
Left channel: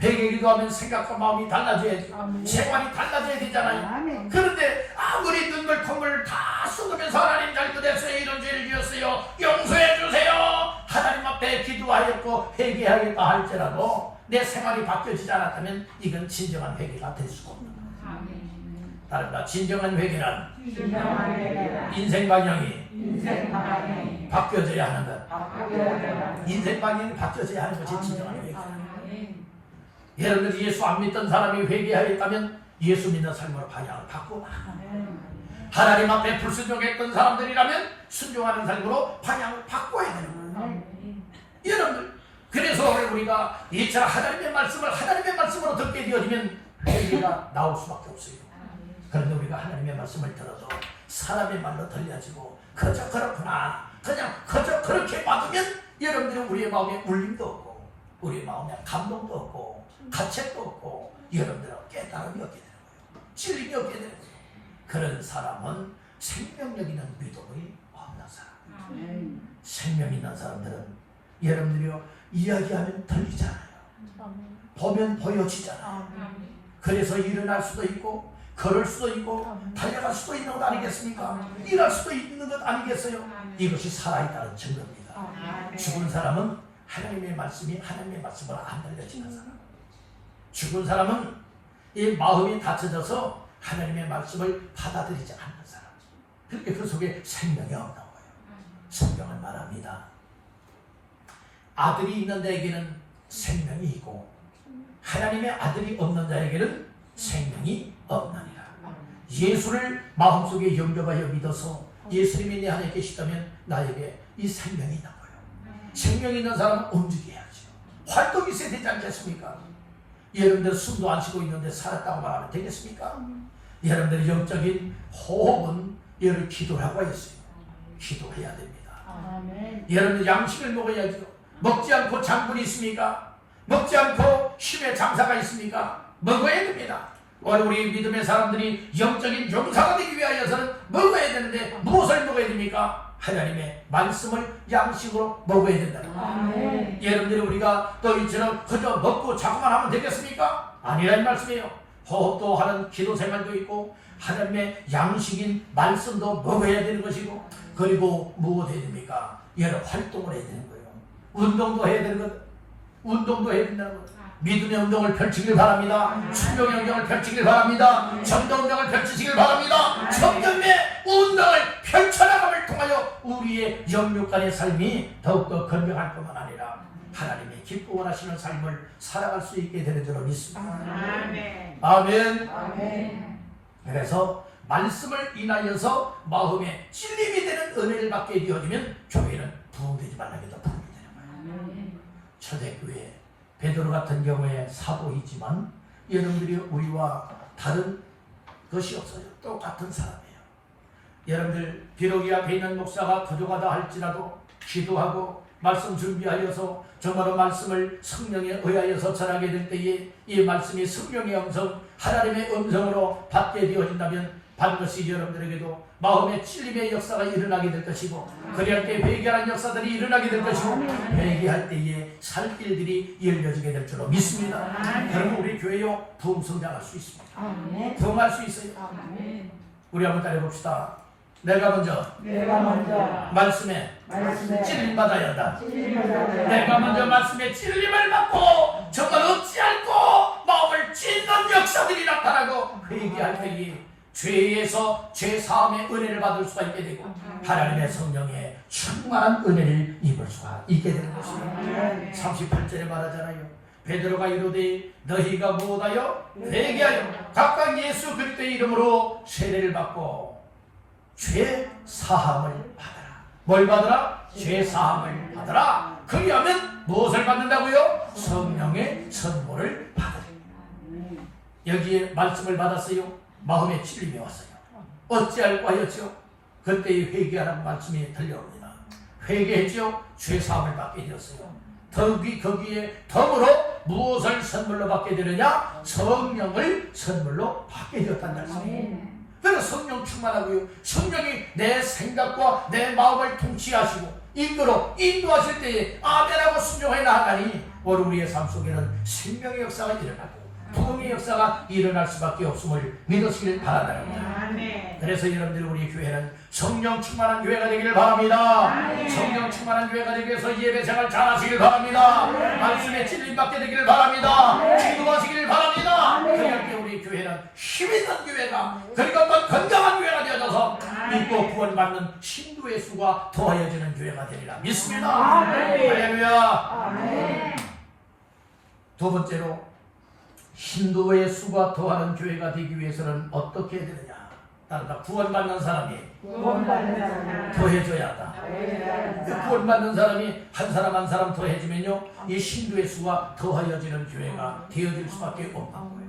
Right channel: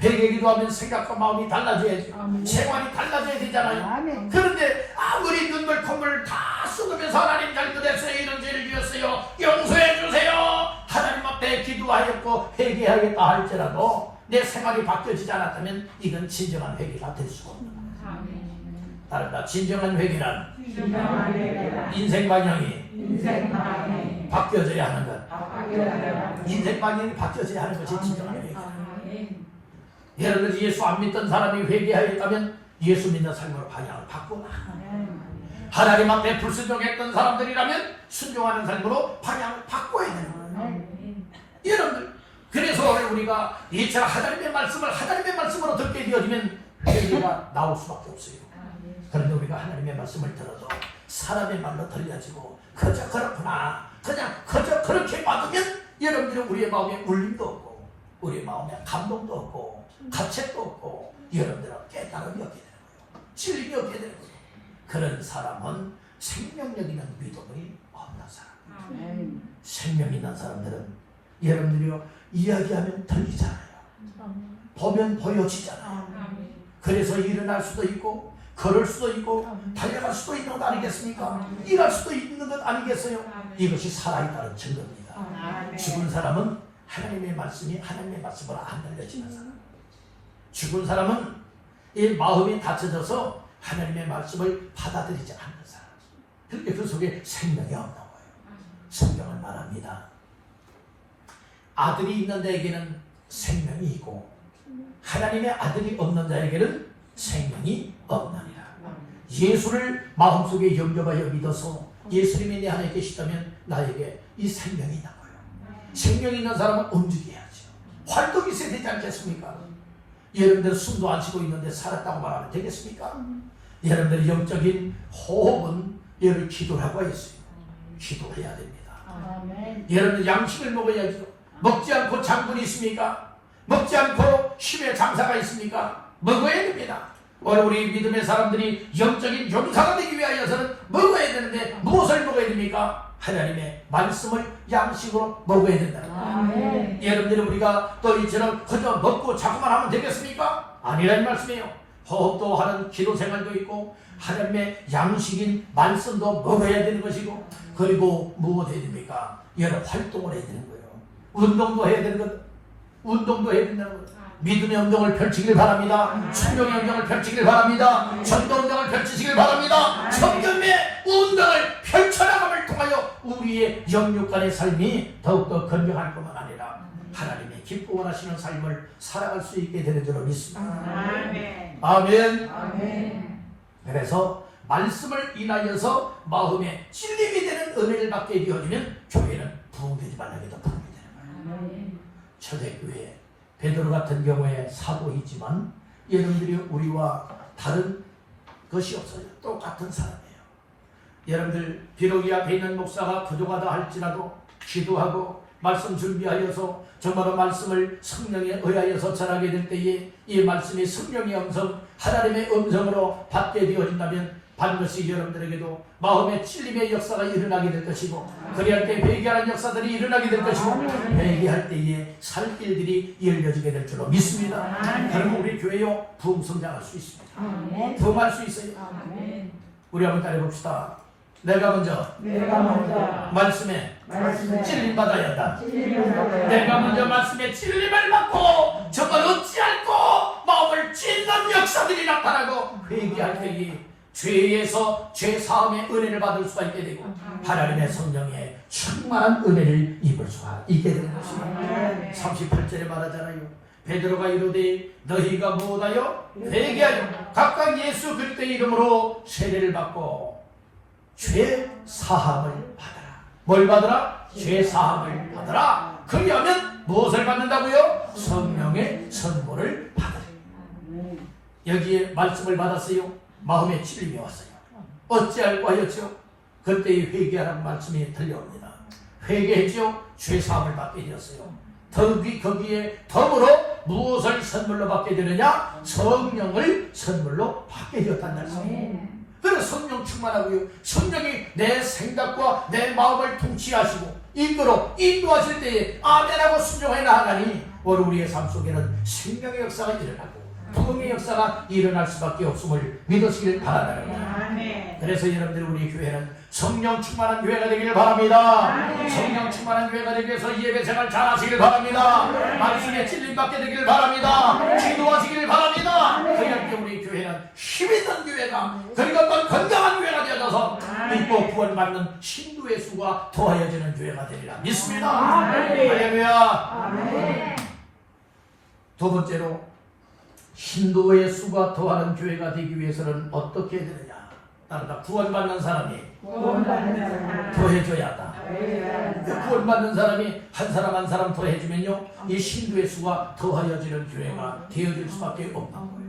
회개기도 하면 생각과 마음이 달라져야지. 생활이 달라져야 되잖아요. 그런데 아무리 눈물 콧물 다 쏟으면서 하나님 잘못했어요, 이런 죄를 지었어요, 용서해 주세요, 하나님 앞에 기도하였고 회개하겠다 할지라도 내 생활이 바뀌어지지 않았다면 이건 진정한 회개가 될 수가 없는 거예요. 다른 말 진정한 회개는 인생 방향이 바뀌어져야 하는 것. 인생 방향이 바뀌어져야 하는 것이 진정한 회개다. 여러분들이 예수 안 믿던 사람이 회개하였다면 예수 믿는 삶으로 방향을 바꾸고 하나님 앞에 불순종했던 사람들이라면 순종하는 삶으로 방향을 바꿔야 되는 거예요. 여러분들, 그래서 오늘 우리가 이처럼 하나님의 말씀으로 듣게 되어지면 회개가 나올 수밖에 없어요. 그런데 우리가 하나님의 말씀을 들어도 사람의 말로 들려지고 그저 그렇구나, 그냥 그저 그렇게 받으면 여러분들은 우리의 마음에 울림도 없고 우리의 마음에 감동도 없고 가책도 없고 여러분들은 깨달음이 없게 되는 거예요. 진리이 없게 되는 거예요. 그런 사람은 생명력 있는 믿음이 없는 사람. 생명 있는 사람들은 여러분들이요 이야기하면 들리잖아요. 보면 보여지잖아요. 그래서 일어날 수도 있고 걸을 수도 있고 달려갈 수도 있는 것 아니겠습니까? 일할 수도 있는 것 아니겠어요? 이것이 살아있다는 증거입니다. 죽은 사람은 하나님의 말씀을 안 들려지는 사람. 죽은 사람은 이 마음이 닫혀져서 하나님의 말씀을 받아들이지 않는 사람. 그렇게 그 속에 생명이 없는 거예요. 성경은 말합니다. 아들이 있는 자에게는 생명이 있고 하나님의 아들이 없는 자에게는 생명이 없나니라. 예수를 마음속에 영접하여 믿어서 예수님이 내 안에 계시다면 나에게 이 생명이 있는 거예요. 생명이 있는 사람은 움직여야죠. 활동이 있어야 되지 않겠습니까? 여러분들 숨도 안 쉬고 있는데 살았다고 말하면 되겠습니까? 여러분들 영적인 호흡은 여러분 기도라고 했어요. 기도해야 됩니다. 여러분들 양식을 먹어야죠. 먹지 않고 장군이 있습니까? 먹지 않고 힘의 장사가 있습니까? 먹어야 됩니다. 우리 믿음의 사람들이 영적인 용사가 되기 위하여서는 먹어야 되는데 무엇을 먹어야 됩니까? 하나님의 말씀을 양식으로 먹어야 된다는 거예요. 여러분들은 우리가 또 이처럼 그저 먹고 자고만 하면 되겠습니까? 아니라는 말씀이에요. 호흡도 하는 기도 생활도 있고 하나님의 양식인 말씀도 먹어야 되는 것이고 그리고 무엇 해야 됩니까? 여러 활동을 해야 되는 거예요. 운동도 해야 되는 것, 운동도 해야 된다는 거예요. 믿음의 운동을 펼치길 바랍니다. 순종의 운동을 펼치길 바랍니다. 전도 운동을 펼치시길 바랍니다. 성경의 운동을 펼쳐나감을 통하여 우리의 영육간의 삶이 더욱더 건강할 뿐만 아니라 하나님의 기뻐 원하시는 삶을 살아갈 수 있게 되는 줄로 믿습니다. 아멘. 아멘. 그래서 말씀을 인하여서 마음에 찔림이 되는 은혜를 받게 되어지면 교회는 부흥되지 말라해도 부흥이 되는 거예요. 초대교회 베드로 같은 경우에 사도이지만 여러분들이 우리와 다른 것이 없어요. 똑같은 사람이에요. 여러분들 비록 이 앞에 있는 목사가 부족하다 할지라도 기도하고 말씀 준비하여서 정말로 말씀을 성령에 의하여서 전하게 될 때에 이 말씀이 성령의 음성, 하나님의 음성으로 받게 되어진다면 반드시 여러분들에게도 마음의 찔림의 역사가 일어나게 될 것이고 그리할 때 회개하는 역사들이 일어나게 될 것이고 회개할 때에 살 길들이 열려지게 될 줄로 믿습니다. 그러면 우리 교회요 부흥 성장할 수 있습니다. 부흥할 수 있어요. 우리 한번 따라해봅시다. 내가 먼저 말씀에 찔림 받아야 한다. 내가 먼저 말씀에 찔림을 받고 정말 얻지 않고 마음을 찢는 역사들이 나타나고 회개할 때에 죄에서 죄사함의 은혜를 받을 수가 있게 되고 하나님의 성령의 충만한 은혜를 입을 수가 있게 되는 것입니다. 38절에 말하잖아요. 베드로가 이르되 너희가 무엇하여 회개하여 각각 예수 그리스도의 이름으로 세례를 받고 죄사함을 받아라. 뭘 받으라? 죄사함을 받아라. 그리하면 무엇을 받는다고요? 성령의 선물을 받으라. 여기에 말씀을 받았어요. 마음에 찔림이 왔어요. 어찌할까 하였죠? 그때의 회개하라는 말씀이 들려옵니다. 회개했죠? 죄사함을 받게 되었어요. 거기에 더불어 무엇을 선물로 받게 되느냐? 성령을 선물로 받게 되었다는 말씀이에요. 그래서 성령 충만하고요. 성령이 내 생각과 내 마음을 통치하시고 인도하실 때에 아멘하고 순종하여 나아가니 오늘 우리의 삶 속에는 생명의 역사가 일어나고 부흥의 역사가 일어날 수밖에 없음을 믿으시길 바랍니다. 아멘. 그래서 여러분들 우리 교회는 성령 충만한 교회가 되기를 바랍니다. 아멘. 성령 충만한 교회가 되기 위해서 예배 생활 잘하시길 바랍니다. 말씀에 찔림받게 되기를 바랍니다. 기도하시기를 바랍니다. 그럴 때 우리 교회는 힘있는 교회가, 그리고 건강한 교회가 되어져서 믿고 구원받는 신도의 수가 더하여지는 교회가 되리라 믿습니다. 할렐루야. 두 번째로 신도의 수가 더하는 교회가 되기 위해서는 어떻게 해야 되느냐? 따르다 구원받는 사람이 더해줘야 한다. 구원받는 사람이 한 사람 한 사람 더해주면요, 이 신도의 수가 더하여지는 교회가 되어질 수밖에 없는 거예요.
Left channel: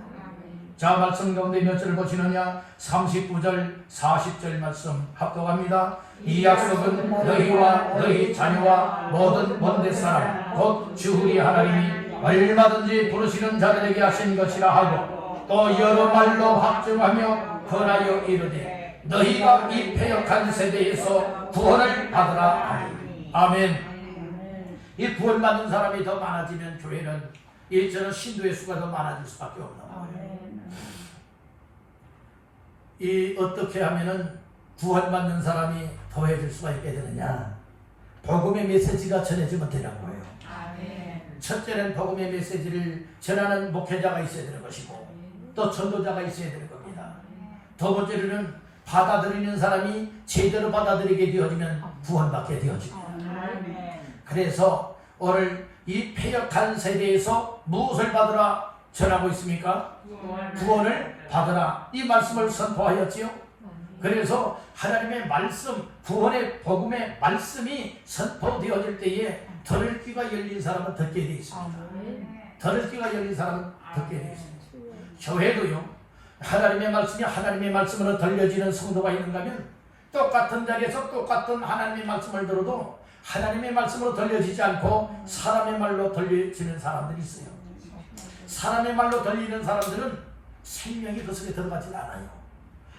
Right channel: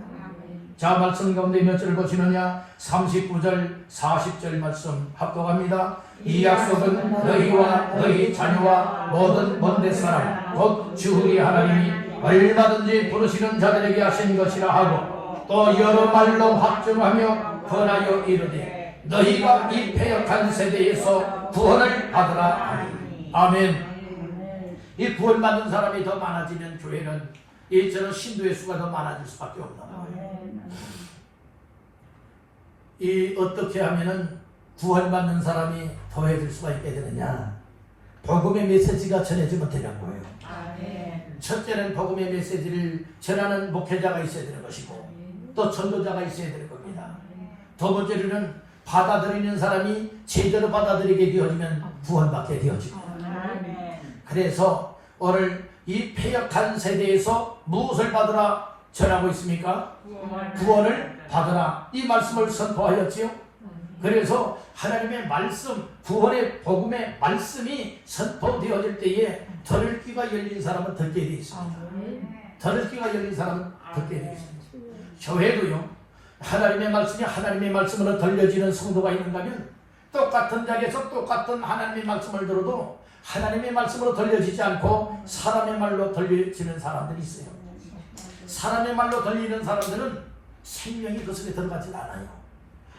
자, 말씀 가운데 몇 절 보시느냐? 39절 40절 말씀 합독합니다. 이 약속은 너희와 너희 자녀와 모든 먼데 사람 곧 주 우리 하나님이 얼마든지 부르시는 자들에게 하신 것이라 하고 또 여러 말로 확증하며 권하여 이르되 너희가 이 패역한 세대에서 구원을 받으라. 아멘. 아멘. 이 구원받는 사람이 더 많아지면 교회는 이처럼 신도의 수가 더 많아질 수밖에 없는 거예요. 이 어떻게 하면은 구원받는 사람이 더해질 수가 있게 되느냐? 복음의 메시지가 전해지면 되는 거예요. 첫째는 복음의 메시지를 전하는 목회자가 있어야 되는 것이고 또 전도자가 있어야 되는 겁니다. 두 번째로는 받아들이는 사람이 제대로 받아들이게 되어지면 구원받게 되어집니다. 그래서 오늘 이 패역한 세대에서 무엇을 받으라 전하고 있습니까? 구원을 받으라. 이 말씀을 선포하였지요. 그래서 하나님의 말씀, 구원의 복음의 말씀이 선포되어질 때에 들을 귀가 열린 사람은 듣게 되어 있습니다. 들을 귀가 열린 사람은 듣게 되어 있습니다. 교회도요, 하나님의 말씀이 하나님의 말씀으로 들려지는 성도가 있는가 하면 똑같은 자리에서 똑같은 하나님의 말씀을 들어도 하나님의 말씀으로 들려지지 않고 사람의 말로 들려지는 사람들이 있어요. 사람의 말로 들리는 사람들은 생명이 그 속에 들어가지 않아요.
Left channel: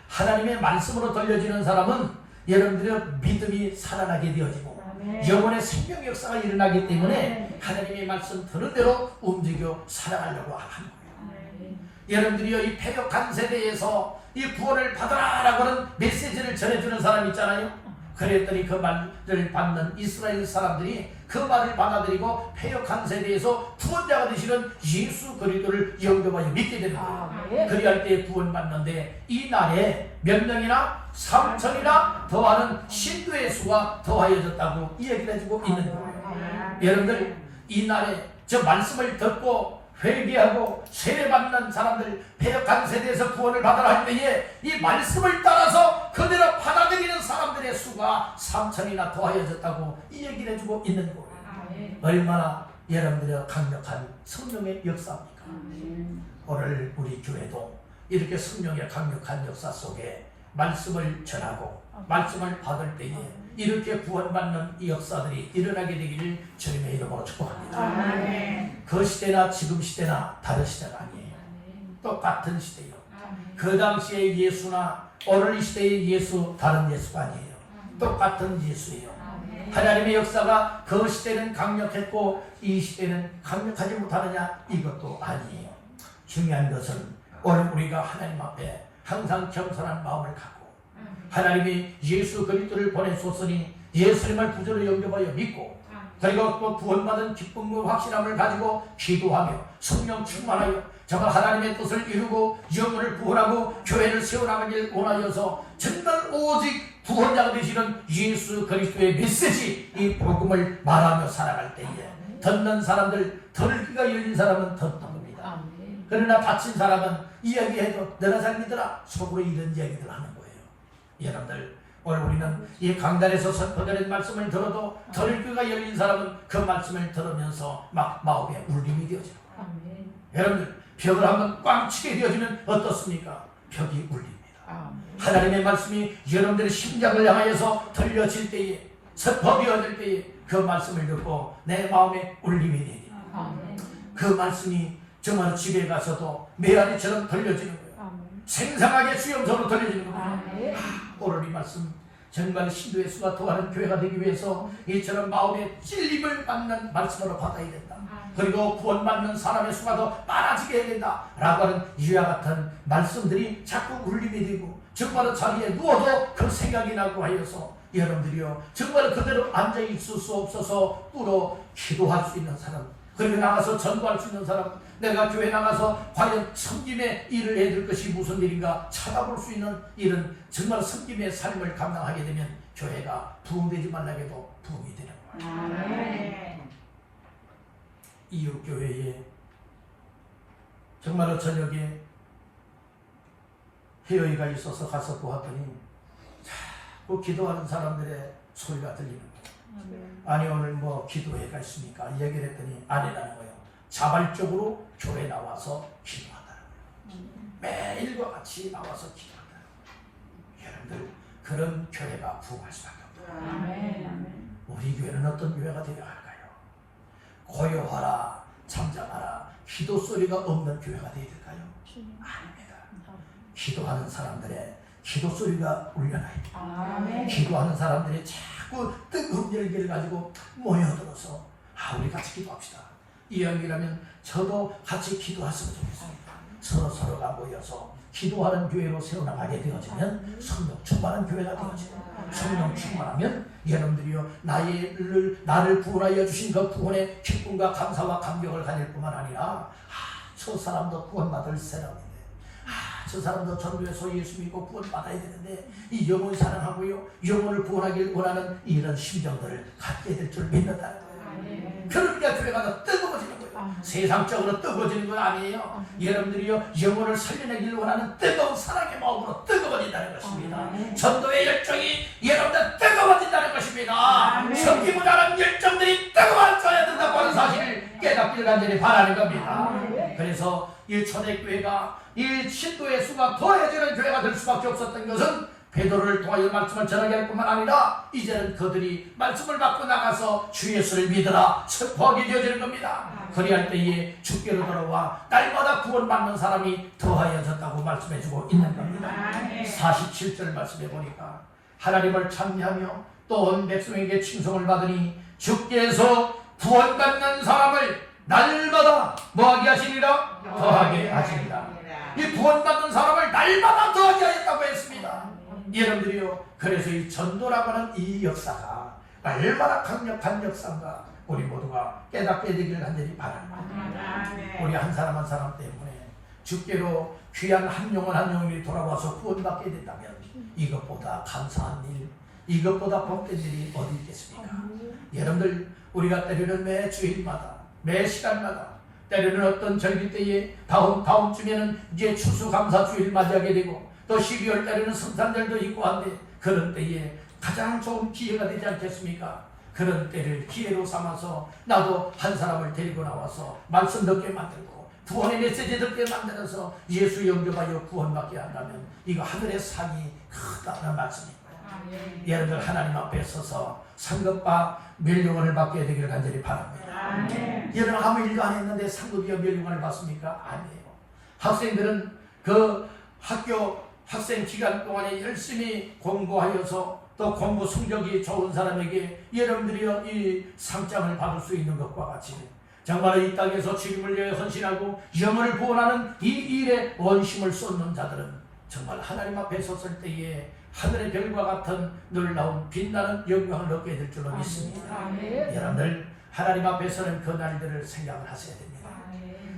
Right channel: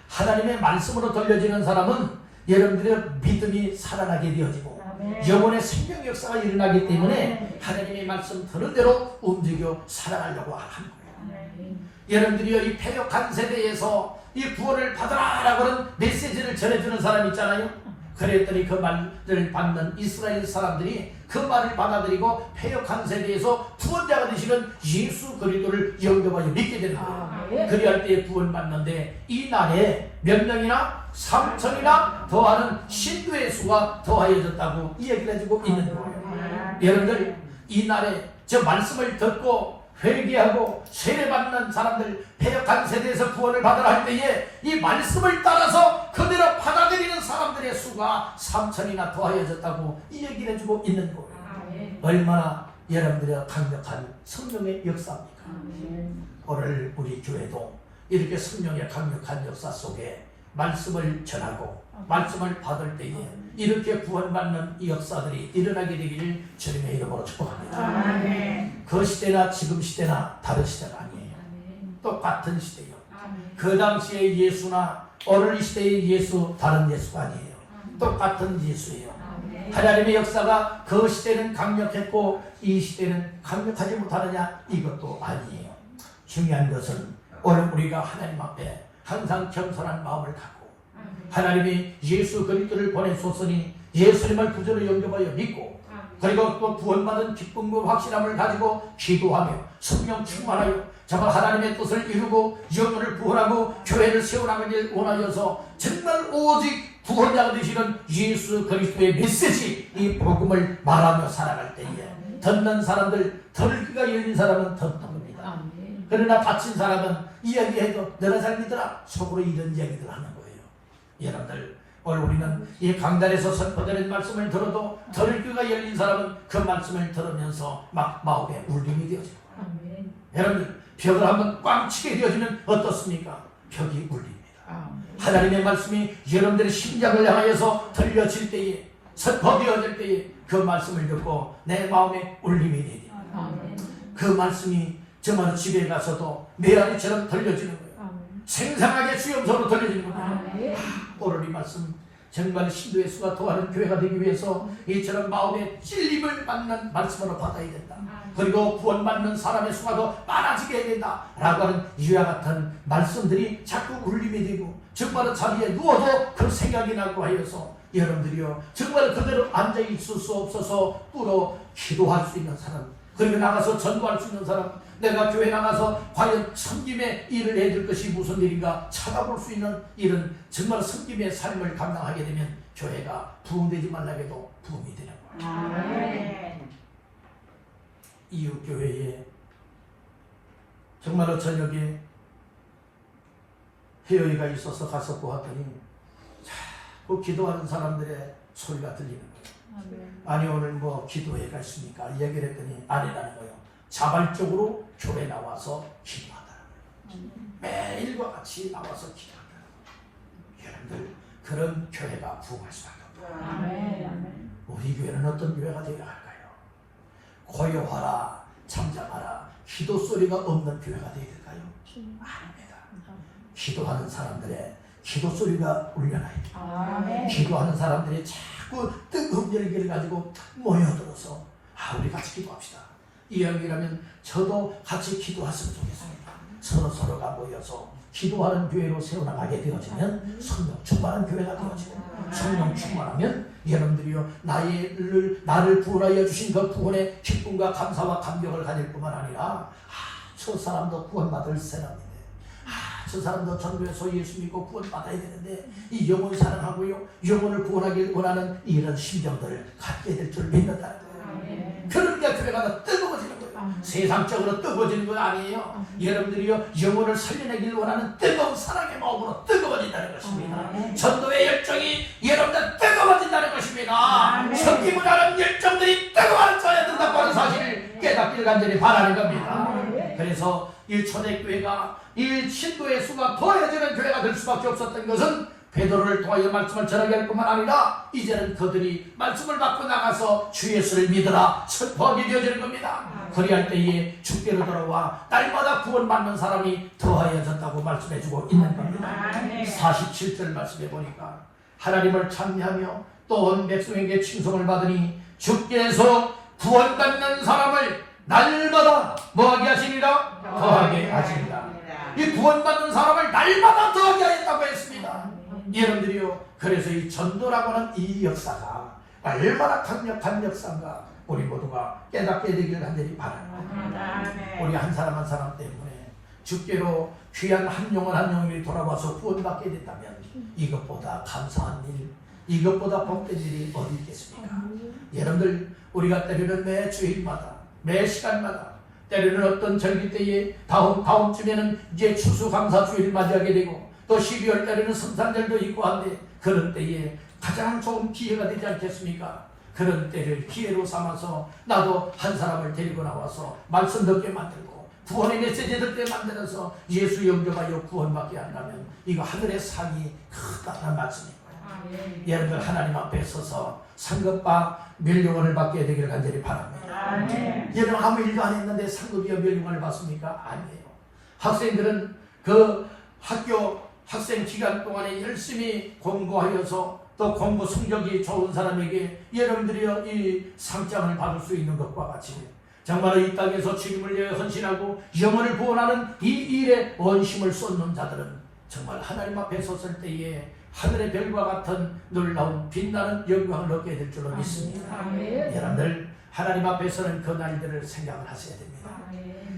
하나님의 말씀으로 들려지는 사람은 여러분들의 믿음이 살아나게 되어지고 영혼의 생명 역사가 일어나기 때문에 하나님의 말씀 들은 대로 움직여 살아가려고 하는 거예요. 여러분들이 이 패역한 세대에서 이 구원을 받으라라고 하는 메시지를 전해주는 사람 있잖아요. 그랬더니 그 말을 받는 이스라엘 사람들이 그 말을 받아들이고 패역한 세대에서 구원자가 되시는 예수 그리스도를 영접하여 믿게 되는 거예요. 그리할 때 구원받는데 이 날에 몇 명이나 3천이나 더하는 신도의 수가 더하여졌다고 이 얘기를 해주고 있는 거예요. 여러분들 이 날에 저 말씀을 듣고 회개하고 세례받는 사람들, 패역한 세대에서 구원을 받으라 할 때에 이 말씀을 따라서 그대로 받아들이는 사람들의 수가 3천이나 더하여졌다고 이 얘기를 해주고 있는 거예요. 얼마나 여러분들의 강력한 성령의 역사입니까? 오늘 우리 교회도 이렇게 성령의 강력한 역사 속에 말씀을 전하고 말씀을 받을 때에 이렇게 구원받는 이 역사들이 일어나게 되기를 주님의 이름으로 축복합니다. 그 시대나 지금 시대나 다른 시대가 아니에요. 똑같은 시대예요. 그 당시의 예수나 오늘 이 시대의 예수 다른 예수가 아니에요. 똑같은 예수예요. 하나님의 역사가 그 시대는 강력했고 이 시대는 강력하지 못하느냐? 이것도 아니에요. 중요한 것은 오늘 우리가 하나님 앞에 항상 겸손한 마음을 갖고 하나님이 예수 그리스도를 보내셨으니 예수님을 구주로 영접하여 믿고 그리고 또 구원받은 기쁨과 확신함을 가지고 기도하며 성령 충만하여 정말 하나님의 뜻을 이루고 영혼을 구원하고 교회를 세워나가길 원하여서 정말 오직 구원자가 되시는 예수 그리스도의 메시지 이 복음을 말하며 살아갈 때에 듣는 사람들, 들기가 열린 사람은 듣는 겁니다. 그러나 다친 사람은 이야기해도 너나 잘 믿으라 속으로 이런 이야기들 하는 거예요. 여러분들 오늘 우리는 이 강단에서 선포되는 말씀을 들어도 들기가 열린 사람은 그 말씀을 들으면서 막 마음에 울림이 되어지고 여러분들 벽을 한번 꽝 치게 되어지면 어떻습니까? 벽이 울립니다. 하나님의 말씀이 여러분들의 심장을 향하여서 들려질 때에 선포되어질 때에 그 말씀을 듣고 내 마음에 울림이 되니 그 말씀이 정말 집에 가서도 메아리처럼 들려지는 거예요. 생생하게 수염소로 들려지는 겁니다. 오늘 이 말씀 정말 신도의 수가 더하는 교회가 되기 위해서 이처럼 마음의 찔림을 받는 말씀으로 받아야 된다. 그리고 구원받는 사람의 수가 더 많아지게 해야 된다 라고 하는 이와 같은 말씀들이 자꾸 울림이 되고 정말 자리에 누워도 그 생각이 나고 하여서 여러분들이요 정말 그대로 앉아있을 수 없어서 뚫어 기도할 수 있는 사람, 그리고 나가서 전도할 수 있는 사람, 내가 교회 나가서 과연 섬김의 일을 해줄 것이 무슨 일인가 찾아볼 수 있는 이런 정말 섬김의 삶을 감당하게 되면 교회가 부흥되지 말라게도 부흥이 되는 거예요. 이웃교회에 정말로 저녁에 회의가 있어서 가서 보았더니 자꾸 기도하는 사람들의 소리가 들리는 거예요. 아니 오늘 뭐 기도회가 있습니까? 얘기를 했더니 아니라는 거예요. 자발적으로 교회 나와서 기도한다는 거예요. 매일과 같이 나와서 기도한다는 거예요. 여러분들 그런 교회가 부흥할 수밖에 없다. 우리 교회는 어떤 교회가 되어야 할까요? 고요하라, 잠잠하라, 기도 소리가 없는 교회가 되어야 될까요? 아닙니다. 기도하는 사람들의 기도 소리가 울려나야 돼요. 기도하는 사람들이 자꾸 뜨거운 열기를 가지고 모여들어서 우리 같이 기도합시다. 이왕이라면 저도 같이 기도했으면 좋겠습니다. 서로가 모여서 기도하는 교회로 세워나가게 되어지면 성령 충만한 교회가 되어지고 성령 충만하면 여러분들이요 나를 구원하여 주신 그 구원의 기쁨과 감사와 감격을 가질 뿐만 아니라 저 사람도 구원받을 사람인데 저 사람도 전도에서 예수 믿고 구원받아야 되는데 이 영혼을 사랑하고요 영혼을 구원하길 원하는 이런 심정들을 갖게 될 줄 믿는다는 거예요. 그러니까 교회가 더 뜨거워지는 거예요. 세상적으로 뜨거워지는 건 아니에요. 여러분들이요 영혼을 살려내길 원하는 뜨거운 사랑의 마음으로 뜨거워진다는 것입니다. 전도의 열정이 여러분들 뜨거워진다는 것입니다. 섬김을 하는 열정들이 뜨거워져야 된다고 하는 사실을 깨닫기를 간절히 바라는 겁니다. 그래서 이 초대교회가 이 신도의 수가 더해지는 교회가 될 수밖에 없었던 것은 베드로를 통하여 말씀을 전하게 할 뿐만 아니라 이제는 그들이 말씀을 받고 나가서 주 예수를 믿으라 선포하게 되어지는 겁니다. 그리할 때에 주께로 돌아와 날마다 구원받는 사람이 더하여졌다고 말씀해주고 있는 겁니다. 47절 말씀해 보니까 하나님을 찬미하며 또 온 백성에게 칭송을 받으니 주께서 구원받는 사람을 날마다 뭐하게 하시니라? 더하게 하시니라. 이 구원받는 사람을 날마다 더하게 하였다고 했습니다. 여러분들이요 그래서 이 전도라고 하는 이 역사가 얼마나 강력한 역사인가 우리 모두가 깨닫게 되기를 간절히 바랍니다. 우리 한 사람 한 사람 때문에 주께로 귀한 한 영혼 한 영혼이 돌아와서 구원받게 된다면 이것보다 감사한 일, 이것보다 복된 일이 어디 있겠습니까? 여러분들 우리가 때로는 매 주일마다 매 시간마다 때로는 어떤 절기 때에 다음 주에는 이제 추수감사주일 맞이하게 되고 또 12월 달에는 성탄절도 있고 한데 그런 때에 가장 좋은 기회가 되지 않겠습니까? 그런 때를 기회로 삼아서 나도 한 사람을 데리고 나와서 말씀 듣게 만들고 구원의 메시지 듣게 만들어서 예수 영접하여 구원받게 한다면 이거 하늘의 상이 크다는 말씀입니다. 여러분들 하나님 앞에 서서 상급과 멸류관을 받게 되기를 간절히 바랍니다. 여러분 아무 일도 안 했는데 상급이와 멸류관을 받습니까? 아니에요. 학생들은 그 학교 학생 기간 동안에 열심히 공부하여서 또 공부 성적이 좋은 사람에게 여러분들이요 이 상장을 받을 수 있는 것과 같이 정말 이 땅에서 주님을 위해 헌신하고 영혼을 구원하는 이 일에 원심을 쏟는 자들은 정말 하나님 앞에 섰을 때에 하늘의 별과 같은 놀라운 빛나는 영광을 얻게 될 줄로 믿습니다. 여러분들 하나님 앞에서는 그 날들을 생각을 하셔야 됩니다.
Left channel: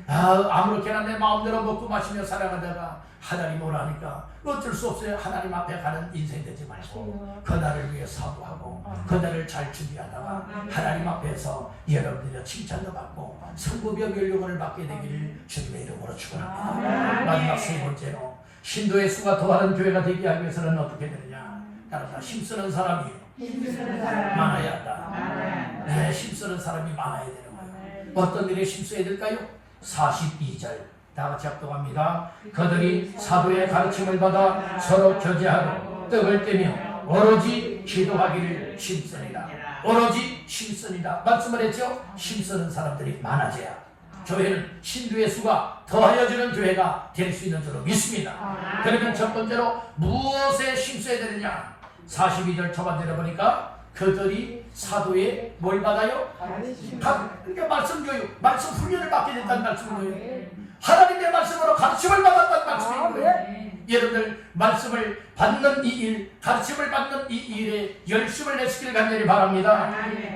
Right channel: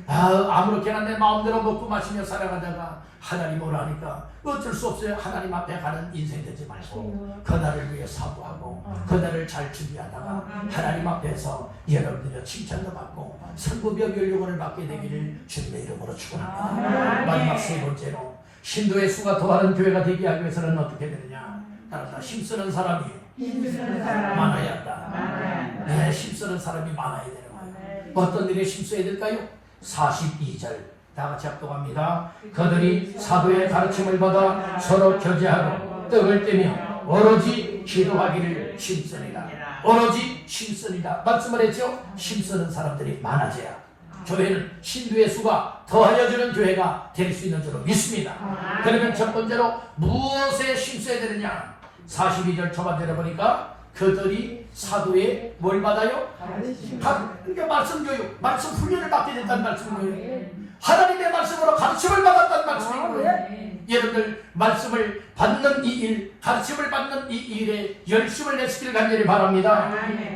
아무렇게나 내 마음대로 먹고 마시며 살아가다가 하나님 오라니까 어쩔 수 없어요. 하나님 앞에 가는 인생 되지 말고 그날을 위해 사고하고 그날을 잘 준비하다가 하나님 앞에서 여러분들의 칭찬도 받고 상급의 멸류관을 받게 되기를 주님의 이름으로 축원합니다. 마지막 세 번째로 신도의 수가 더하는 교회가 되게 하기 위해서는 어떻게 되느냐? 따라서 힘쓰는 사람이 많아야 한다. 네, 힘쓰는 사람이 많아야 되는 거예요. 어떤 일에 힘써야 될까요? 42절 다 같이 합독합니다. 그들이 사도의 가르침을 받아 서로 교제하고 떡을 떼며 오로지 기도하기를 힘쓰니라. 오로지 힘쓰니라 말씀을 했죠. 힘쓰는 사람들이 많아져야 교회는 신도의 수가 더하여지는 교회가 될 수 있는 줄로 믿습니다. 그러면 첫 번째로 무엇에 힘써야 되느냐? 42절 초반절에 보니까 그들이 사도의 뭘 받아요? 그러니까 말씀 교육, 말씀 훈련을 받게 됐다는 말씀인 거예요. 하나님의 말씀으로 가르침을 받았다는 말씀인 거예요. 여러분들 말씀을 받는 이 일, 가르침을 받는 이 일에 열심을 내시길 간절히 바랍니다.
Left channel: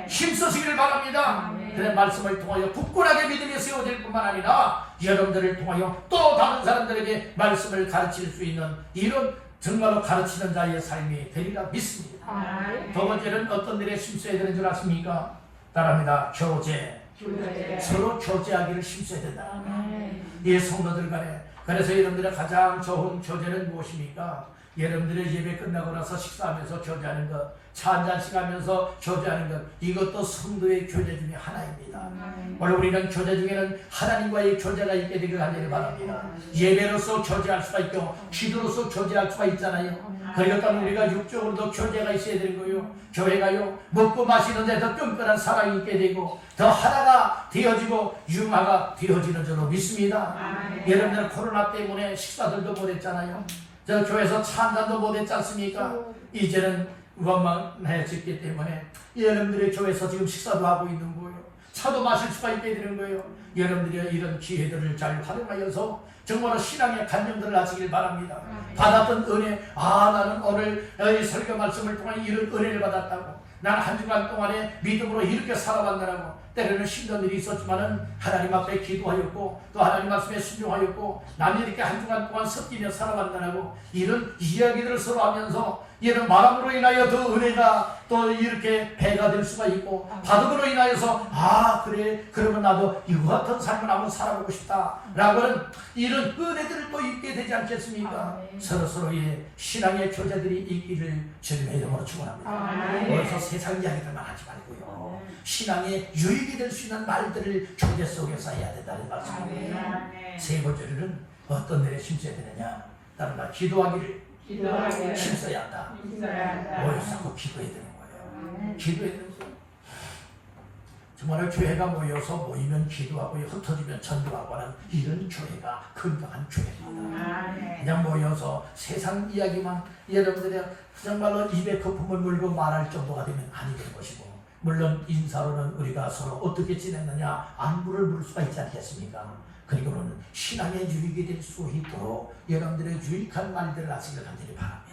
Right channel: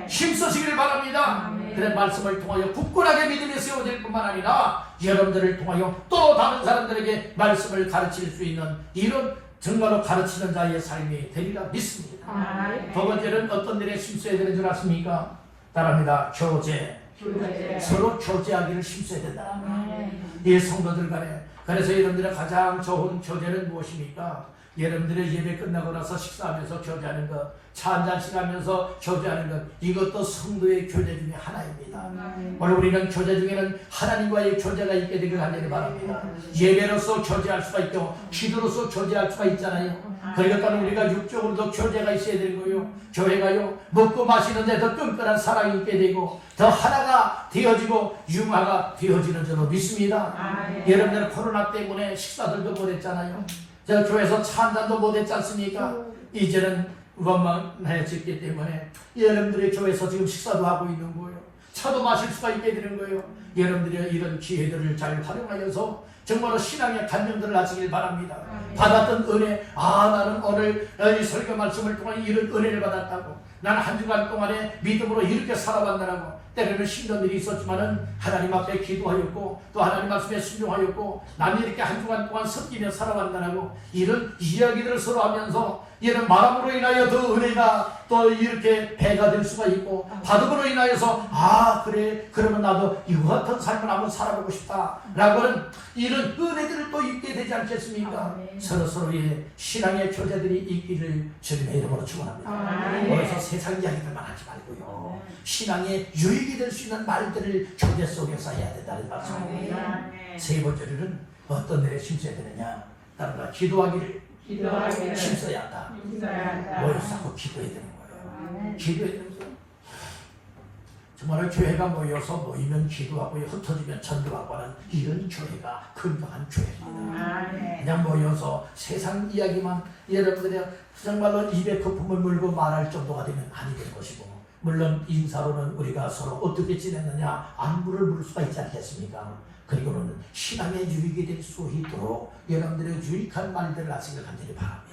힘쓰시길 바랍니다. 그런 말씀을 통하여 굳건하게 믿음에 세워질 뿐만 아니라 여러분들을 통하여 또 다른 사람들에게 말씀을 가르칠 수 있는 이런 정말로 가르치는 자의 삶이 되리라 믿습니다. 두 번째는 어떤 일에 힘써야 되는 줄 아십니까? 따라합니다. 교제. 서로 교제하기를 힘써야 된다. 이 성도들 간에. 그래서 여러분들의 가장 좋은 교제는 무엇입니까? 여러분들의 예배 끝나고 나서 식사하면서 교제하는 것, 차 한잔씩 하면서 교제하는 것, 이것도 성도의 교제 중에 하나입니다. 오늘 우리는 교제 중에는 하나님과의 교제가 있게 되길 간절히 바랍니다. 예배로서 교제할 수가 있고 기도로서 교제할 수가 있잖아요. 그러니까 우리가 육적으로도 교제가 있어야 되는 거예요. 교회가요, 먹고 마시는데 더 끈끈한 사랑이 있게 되고 더 하나가 되어지고 융화가 되어지는 줄로 믿습니다. 여러분들은 코로나 때문에 식사들도 못했잖아요. 저 교회에서 차 한잔도 못했지 않습니까? 이제는 원만해졌기 때문에 여러분들의 교회에서 지금 식사도 하고 있는 거예요. 차도 마실 수가 있게 되는 거예요. 여러분들이 이런 기회들을 잘 활용하여서 정말로 신앙의 간증들을 하시길 바랍니다. 받았던 은혜, 나는 오늘 이 설교 말씀을 통해 이런 은혜를 받았다고, 나는 한 주간 동안에 믿음으로 이렇게 살아왔느라고, 때로는 힘든 일이 있었지만은 하나님 앞에 기도하였고 또 하나님 말씀에 순종하였고 나는 이렇게 한 주간 동안 섞이며 살아왔느라고 이런 이야기들을 서로 하면서 이런 마음으로 인하여 더 은혜가 또 이렇게 배가 될 수가 있고 받음으로 인하여서 그래 그러면 나도 이와 같은 삶을 한번 살아보고 싶다 라고 하는 이런 은혜들을 또 입게 되지 않겠습니까? 서로서로의 신앙의 교제들이 있기를 주님의 이름으로 축원합니다. 그래서 세상 이야기들만 하지 말고요, 신앙의 유익이 될 수 있는 말들을 교제 속에서 해야 된다는 말씀입니다. 세 번째로는 어떤 일에 힘써야 되느냐? 따라가 기도하기를 힘써야 한다. 모여서 자꾸 기도해야 되는 거예요. 기도해야 되는 거예요. 정말 교회가 모여서 모이면 기도하고 흩어지면 전도하고 하는 이런 교회가 건강한 교회입니다. 그냥 모여서 세상 이야기만 여러분들이 정말로 입에 거품을 물고 말할 정도가 되면 아니 될 것이고, 물론 인사로는 우리가 서로 어떻게 지냈느냐 안부를 물을 수가 있지 않겠습니까? 그리고는 신앙의 유익이 될 수 있도록 여러분들의 유익한 말들을 하시길 간절히 바랍니다.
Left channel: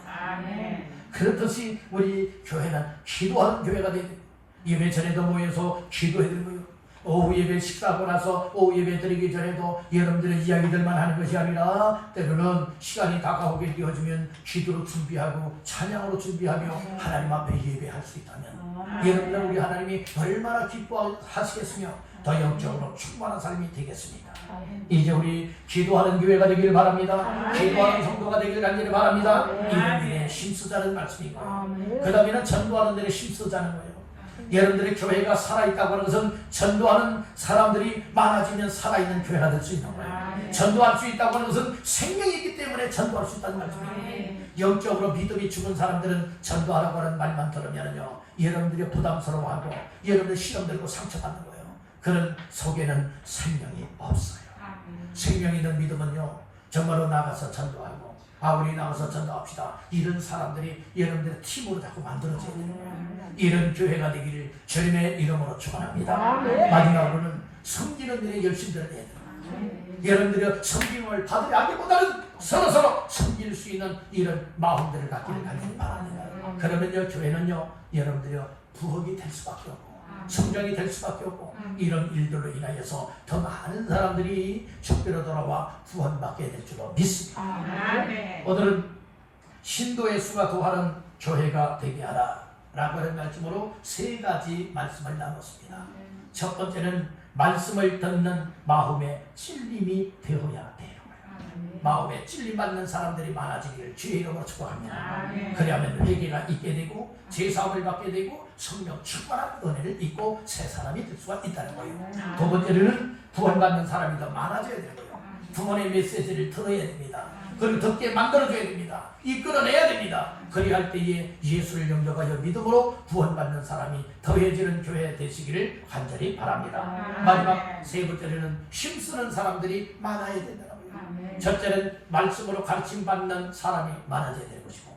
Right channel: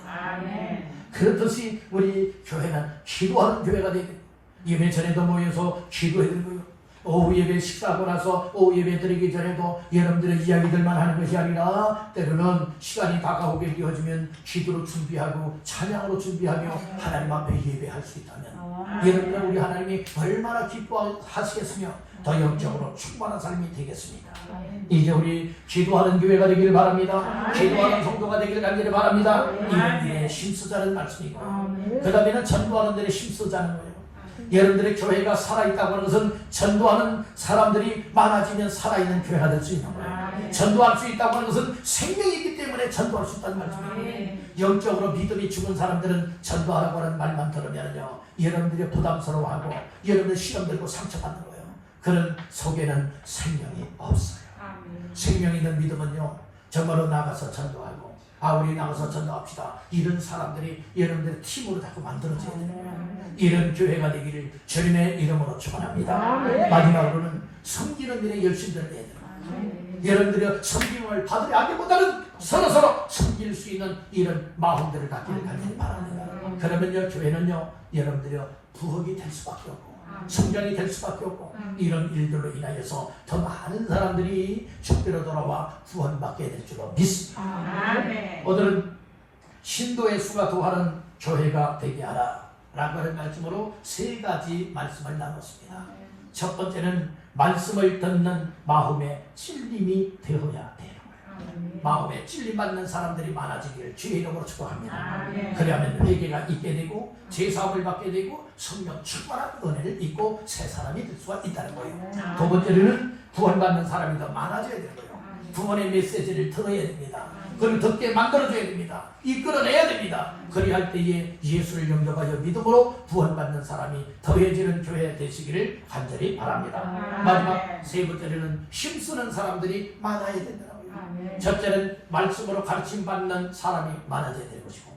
그렇듯이 우리 교회는 기도하는 교회가 되는, 예배 전에도 모여서 기도해야 되는 거예요. 오후 예배 식사하고 나서 오후 예배 드리기 전에도 여러분들의 이야기들만 하는 것이 아니라 때로는 시간이 다가오게 되어지면 기도로 준비하고 찬양으로 준비하며 하나님 앞에 예배할 수 있다면 여러분들 우리 하나님이 얼마나 기뻐하시겠으며 더 영적으로 충만한 삶이 되겠습니까? 이제 우리 기도하는 교회가 되기를 바랍니다. 기도하는 성도가 되기를 간절히 바랍니다. 이런 일에 힘쓰자는 말씀이고요. 그 다음에는 전도하는 데에 힘쓰자는 거예요. 여러분들의 교회가 살아있다고 하는 것은 전도하는 사람들이 많아지면 살아있는 교회가 될 수 있는 거예요. 전도할 수 있다고 하는 것은 생명이기 때문에 전도할 수 있다는 말씀이에요. 영적으로 믿음이 죽은 사람들은 전도하라고 하는 말만 들으면요, 여러분들이 부담스러워하고 여러분들 시험 들고 상처받는 거예요. 그런 속에는 생명이 없어요. 생명 있는 믿음은요, 정말로 나가서 전도하고 우리 나가서 전도합시다. 이런 사람들이 여러분들의 팀으로 자꾸 만들어져야 되는 거예요. 이런 교회가 되기를 주님의 이름으로 축원합니다. 마지막으로는 섬기는 일에 열심히 해야 돼요. 여러분들의 섬김을 받으려기보다는 서로서로 섬길 수 있는 이런 마음들을 갖기를 간절히 바랍니다. 그러면요, 교회는요, 여러분들이 부흥이 될 수밖에 없고 성장이 될 수밖에 없고 이런 일들로 인하여서 더 많은 사람들이 주께로 돌아와 구원받게 될 줄로 믿습니다. 오늘은 신도의 수가 도하는 교회가 되게 하라 라고 하는 말씀으로 세 가지 말씀을 나눴습니다. 첫 번째는 말씀을 듣는 마음의 찔림이 되어야 되는 거예요. 마음에 찔림받는 사람들이 많아지기를 주의 이름으로 축복합니다. 그리하면 회개가 있게 되고 제사함을 받게 되고 성령 충만한 은혜를 입고 새 사람이 될 수가 있다는 거예요. 두 번째로는 구원받는 사람이 더 많아져야 되는 거예요. 구원의 메시지를 들어야 됩니다. 그걸 듣게 만들어줘야 됩니다. 이끌어내야 됩니다. 그리할 때에 예수를 영접하여 믿음으로 구원받는 사람이 더해지는 교회 되시기를 간절히 바랍니다. 마지막 세 번째로는 힘쓰는 사람들이 많아야 된다고요. 첫째는 말씀으로 가르침받는 사람이 많아져야 될 것이고,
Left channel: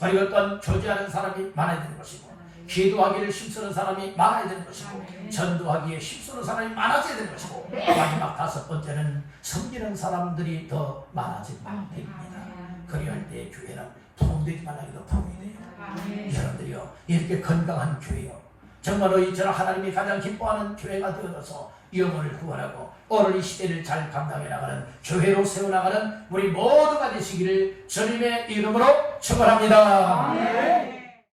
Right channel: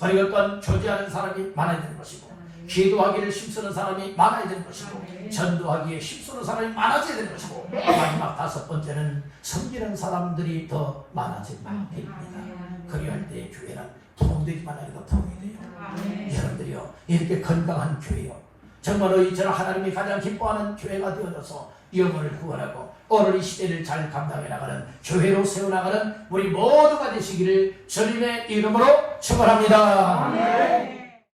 그리고 또한 교제하는 사람이 많아야 되는 것이고, 기도하기를 힘쓰는 사람이 많아야 되는 것이고, 전도하기에 힘쓰는 사람이 많아져야 되는 것이고, 마지막 5번째는 섬기는 사람들이 더 많아지면 됩니다. 그리할 때 교회는 부흥되기만 하기도 부흥이 돼요. 여러분들이요, 이렇게 건강한 교회요, 정말로 이처럼 하나님이 가장 기뻐하는 교회가 되어져서 영혼을 구원하고 오늘 이 시대를 잘 감당해 나가는 교회로 세워나가는 우리 모두가 되시기를 주님의 이름으로 축원합니다.